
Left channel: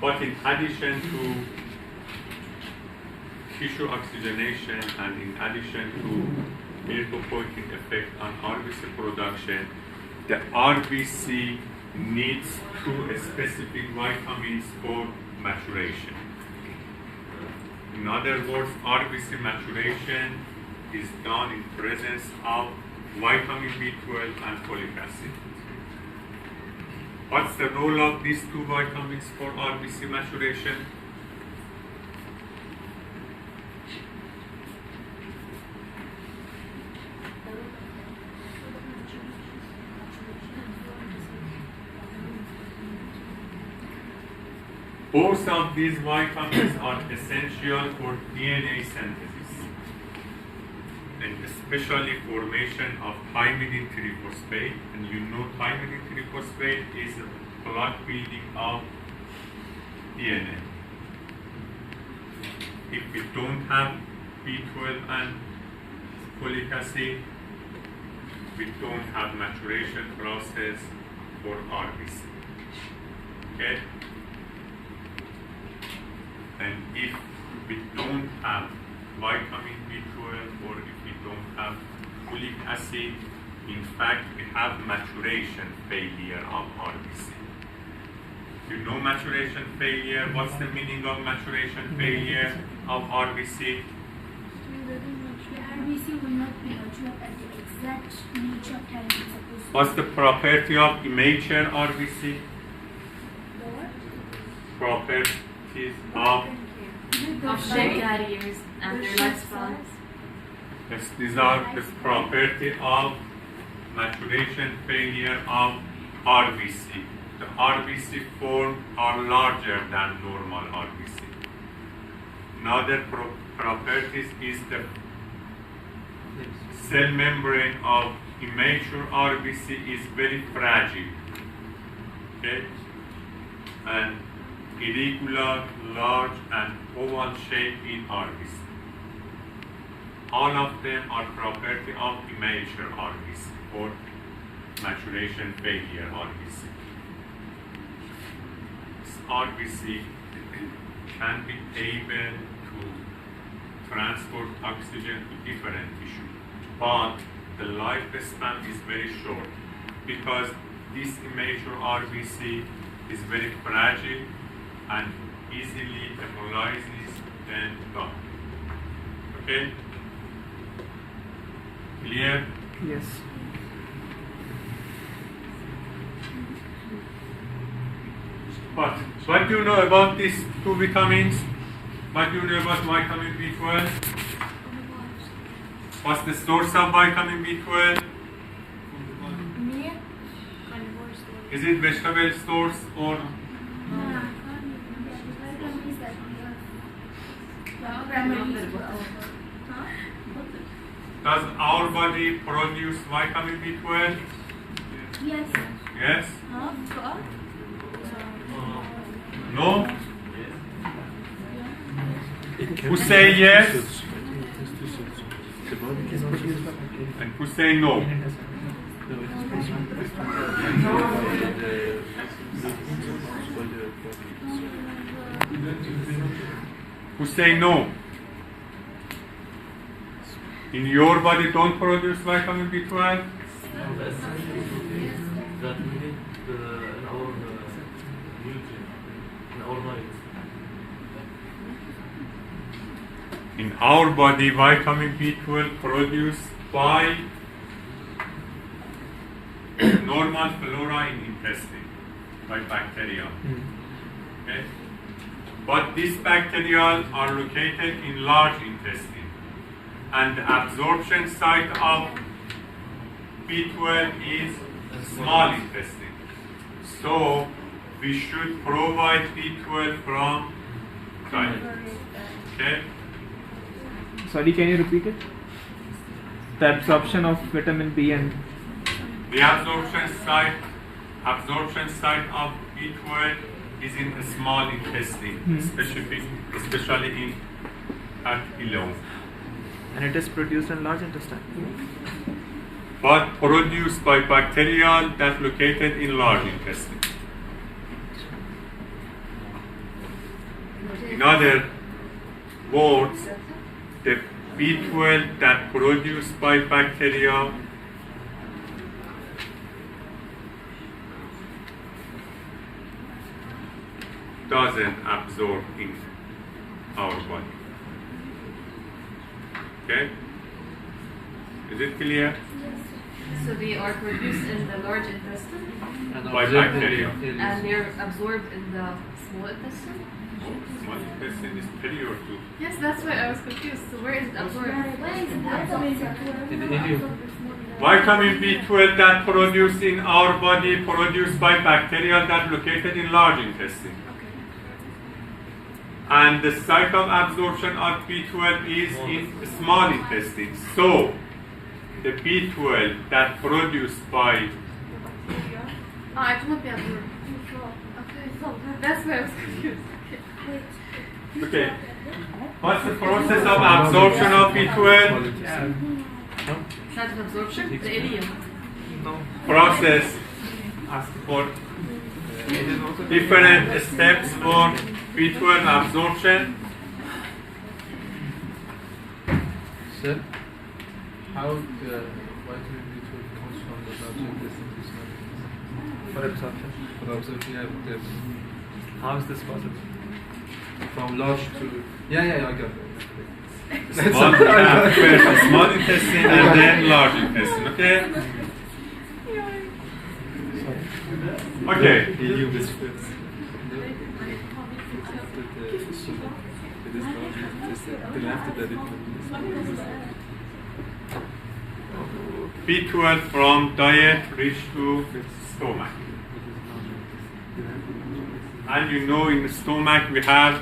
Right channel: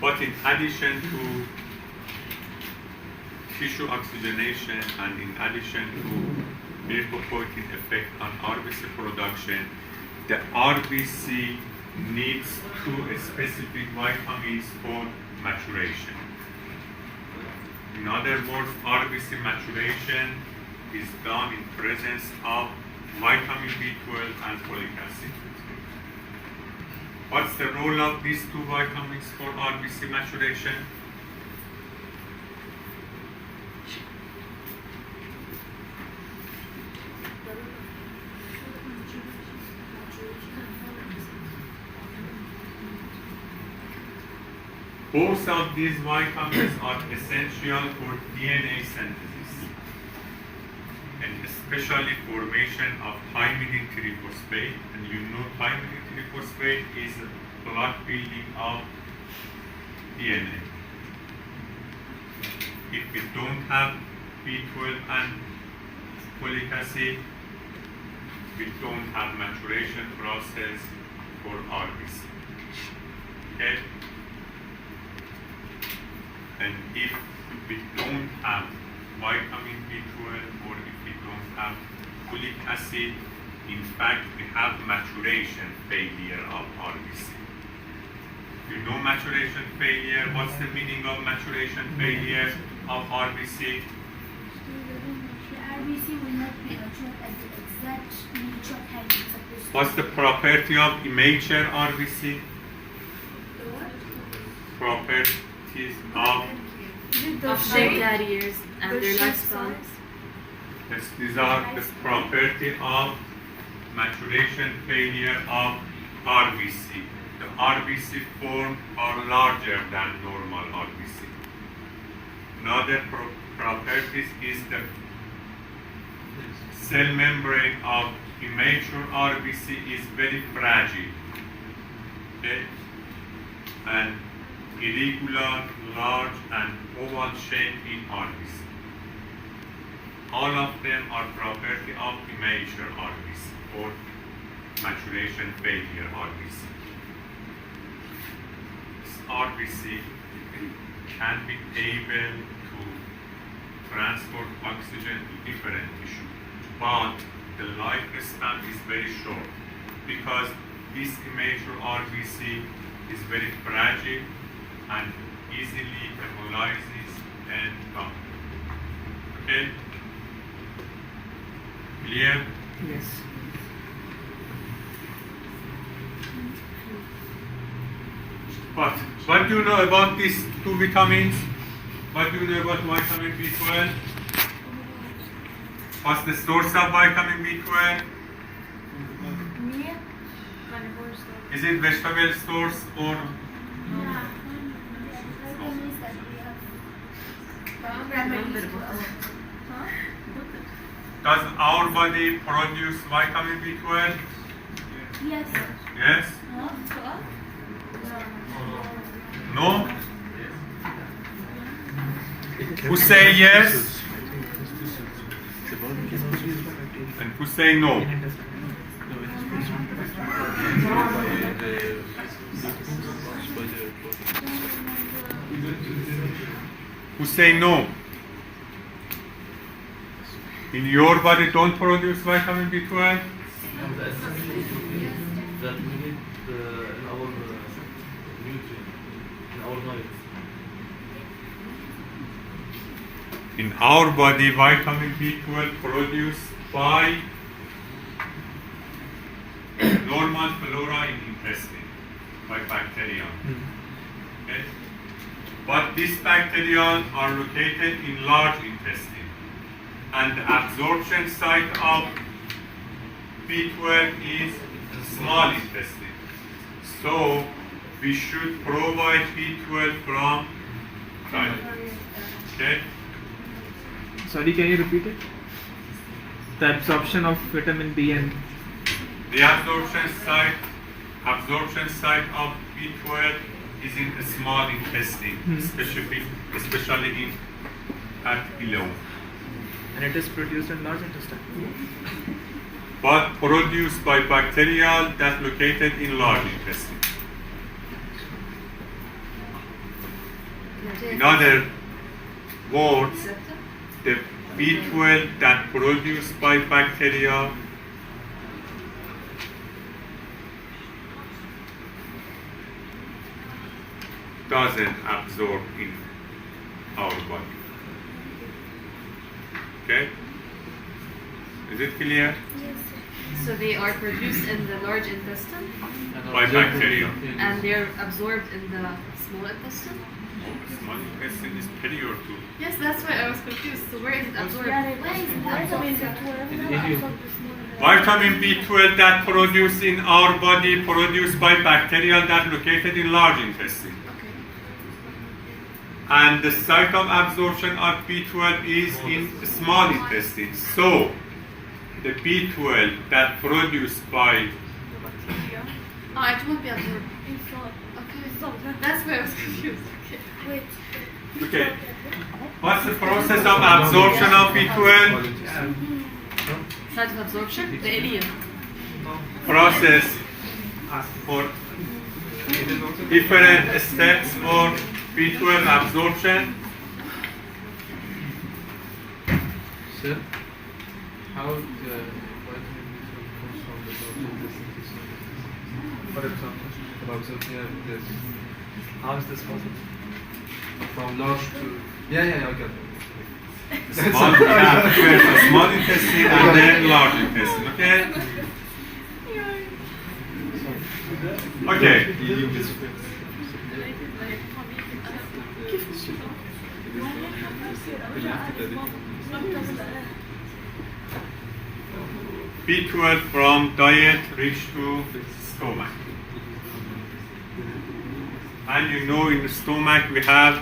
But in addition to tissue oxygenation and in addition to erythropoietin effect on RBC production, the RBC needs two specific vitamins for maturation. In other words, RBC maturation is done in presence of vitamin B12 and folic acid. What's the role of these two vitamins for RBC maturation? Both of these vitamins are essential for DNA synthesis, and especially formation of thymidine triphosphate. And you know thymidine triphosphate is a block building of DNA. If we don't have B12 and folic acid, we don't have maturation process for RBC. Okay? And if we don't have vitamin B12 or if we don't have folic acid, in fact, we have maturation failure of RBC. You know maturation failure? What's the meaning of maturation failure of RBC? The RBC will not be matured at the exact nature time it's supposed to. What's the property of immature RBC? The what? Properties of, Of shape carriers and their shape lifespan. yes, these are the property of maturation failure of RBC. The RBC formed are larger than normal RBC. Another properties is the cell membrane of immature RBC is very fragile, okay, and irregular, large, and oval shape in RBC. All of them are property of immature RBC or maturation failure RBC. This RBC can be able to transport oxygen to different tissues, but the lifespan is very short because this immature RBC is very fragile and easily hemolyzes and gone. Okay? Clear? Yes. What do you know about these two vitamins? What do you know about vitamin B12? What's the source of vitamin B12? Is it vegetable source or does our body produce vitamin B12? Yes. Yes? No? Who say yes? And who say no? Who say no? In your body don't produce vitamin B12? That we need in our nutrient, in our life. In our body, vitamin B12 produced by normal flora in intestine, by bacteria. Okay? But these bacteria are located in large intestine. And the absorption site of B12 is small intestine. So we should provide B12 from diet. Okay? Sorry, can you repeat it? The absorption of vitamin B and The absorption site of B12 is in the small intestine, especially in at below. and it is produced in large intestine. But produced by bacteria that located in large intestine. In other words, the B12 that produced by bacteria doesn't absorb in our body. Okay? Is it clear? So they are produced in the large intestine By bacteria. and they're absorbed in the small intestine? Small intestine is superior to. Yes, that's why I was confused. So where is it absorbed? Vitamin B12 that produced in our body produced by bacteria that located in large intestine. Okay. And the site of absorption of B12 is in small intestine. So the B12 that produced by It won't be absorbed. Okay. That's why I was confused. Okay. okay. What's the process of absorption of B12? Site of absorption? The ileum. Process for different steps for B12 absorption. Sir, how vitamin B12 comes from the large intestine to small intestine? For absorption? For absorption, yeah, yes. How is this possible? From large to... Yeah, I got it. Small, first small intestine and then large intestine. Okay? Okay. B12 from diet reach to stomach. And you know in the stomach we have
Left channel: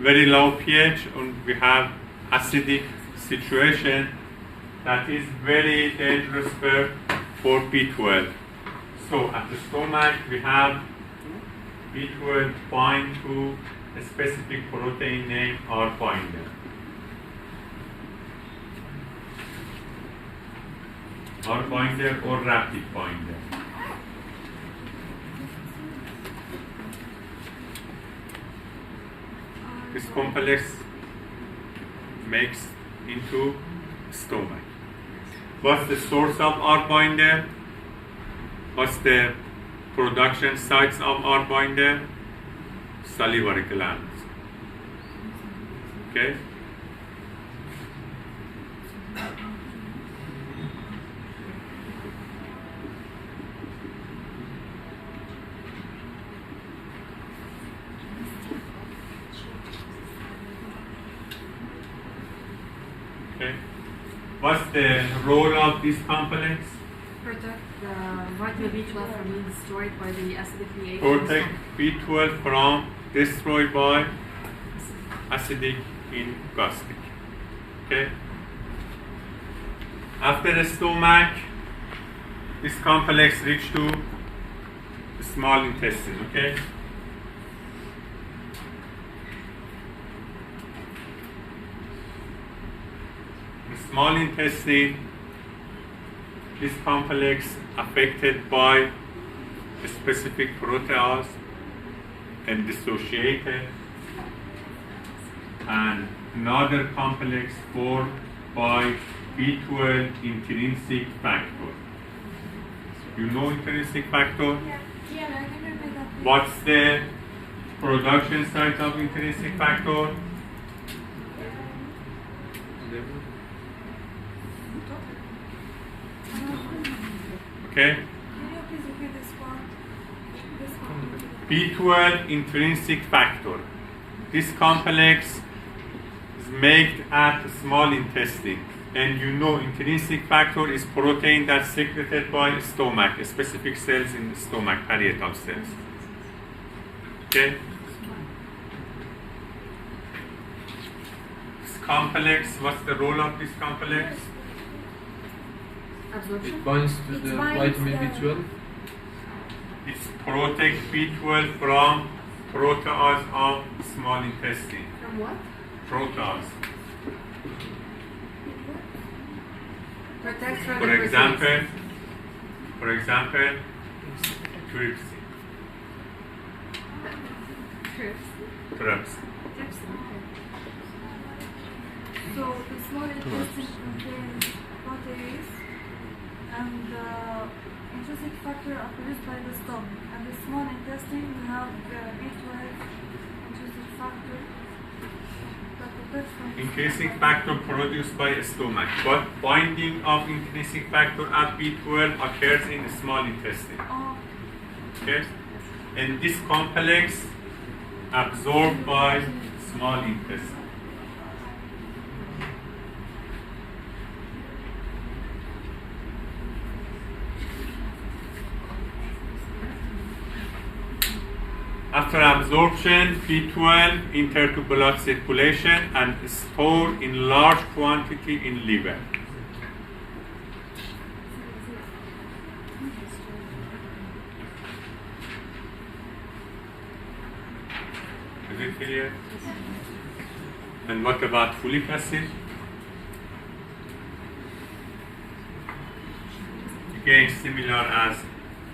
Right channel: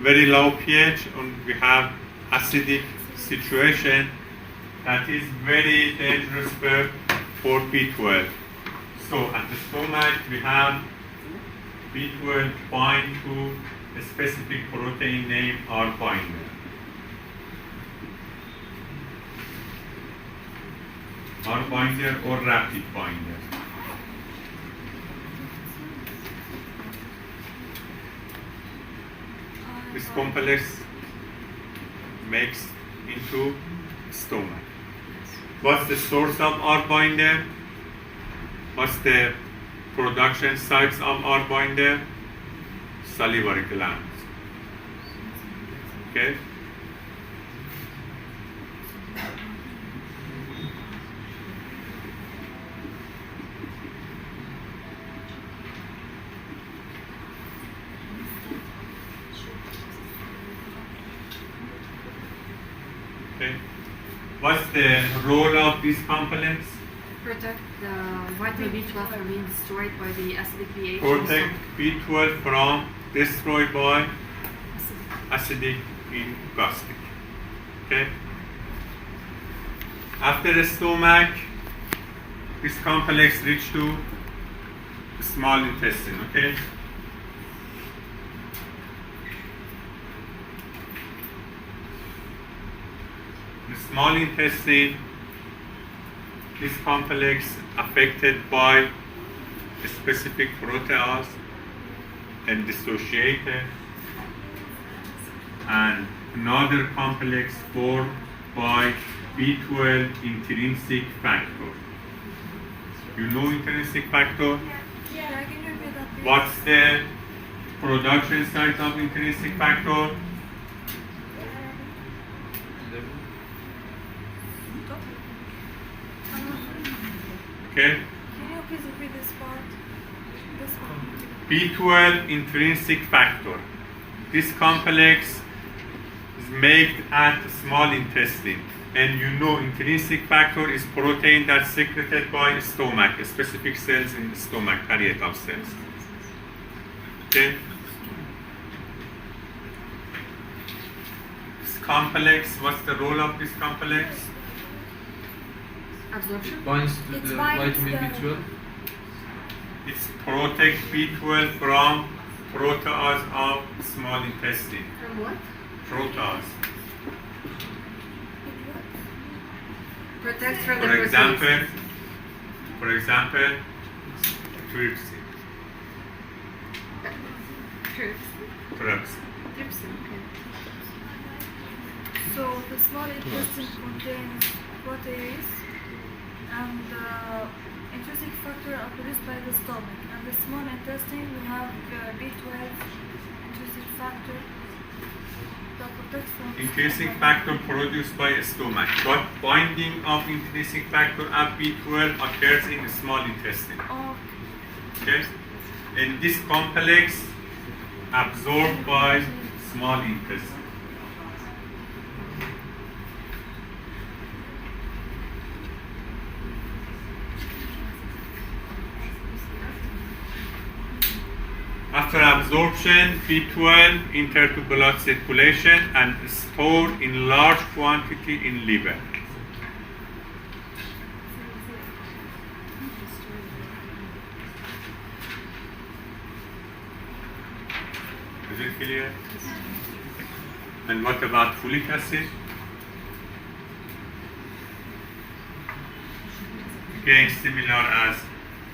very low pH and we have acidic situation that is very dangerous for B12. So at the stomach we have B12 bind to a specific protein named R binder. R binder or rapid binder. This complex makes into stomach. What's the source of R binder? What's the production sites of R binder? Salivary glands. Okay? Okay. What's the role of this complex? Protect the vitamin B12 from being destroyed by the acidic pH. Protect B12 from destroyed by acidic in gastric. Okay. After the stomach, this complex reach to the small intestine. Okay. The small intestine, this complex affected by a specific protease and dissociated, and another complex formed by B12 intrinsic factor. You know intrinsic factor? Yeah, I can repeat that. Please. What's the production site of intrinsic factor? Okay. Can you please repeat this part? This one. B12 intrinsic factor. This complex is made at the small intestine, and you know intrinsic factor is protein that's secreted by stomach, specific cells in the stomach, parietal cells. Okay. This complex, what's the role of this complex? Absorption. Binds to It the binds vitamin the- B12. It's protect B12 from protease of small intestine. From what? Protease. Protect from For the example, trypsin. Trypsin. Trypsin. Trypsin, okay. So the small intestine contains protease and intrinsic factor are produced by the stomach. And the small intestine we have B12 intrinsic factor that protects from Intrinsic factor produced by stomach, but binding of intrinsic factor at B12 occurs in the small intestine. Oh, Okay? And this complex absorbed by small intestine. After absorption, B12 enter to blood circulation and stored in large quantity in liver. Is it clear? And what about folic acid? Again, similar as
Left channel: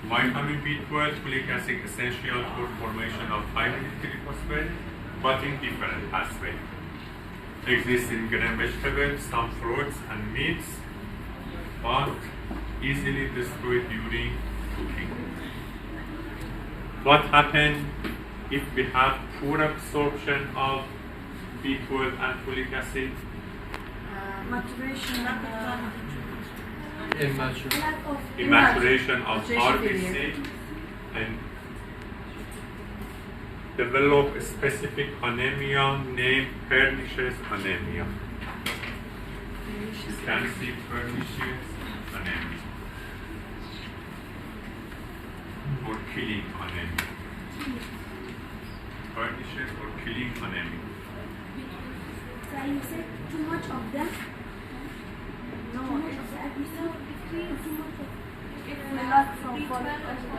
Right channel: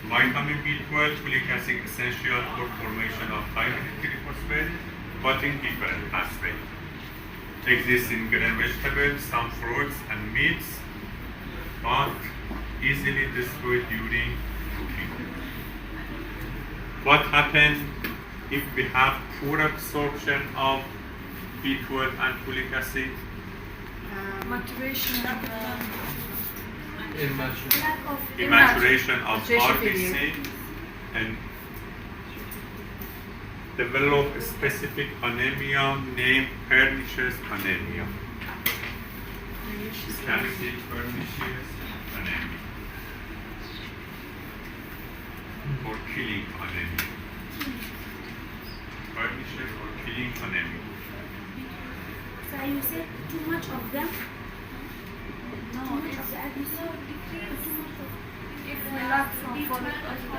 vitamin B12, folic acid essential for formation of hydrogen triphosphate, but in different pathway. Exists in green vegetables, some fruits and meats, but easily destroyed during cooking. What happens if we have poor absorption of B12 and folic acid? maturation. Immature. Lack of Immaturation of Maturation RBC failure. and develop a specific anemia named pernicious anemia. You can see pernicious killing anemia? Tarnishes or killing anemia? So you said too much of them? No, Too much of the episode? Too much of if we lack from folic acid,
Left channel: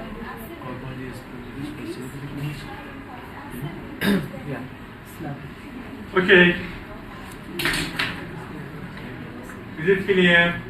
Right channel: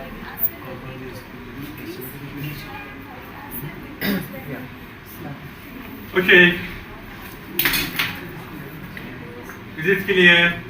Okay. Is it clear?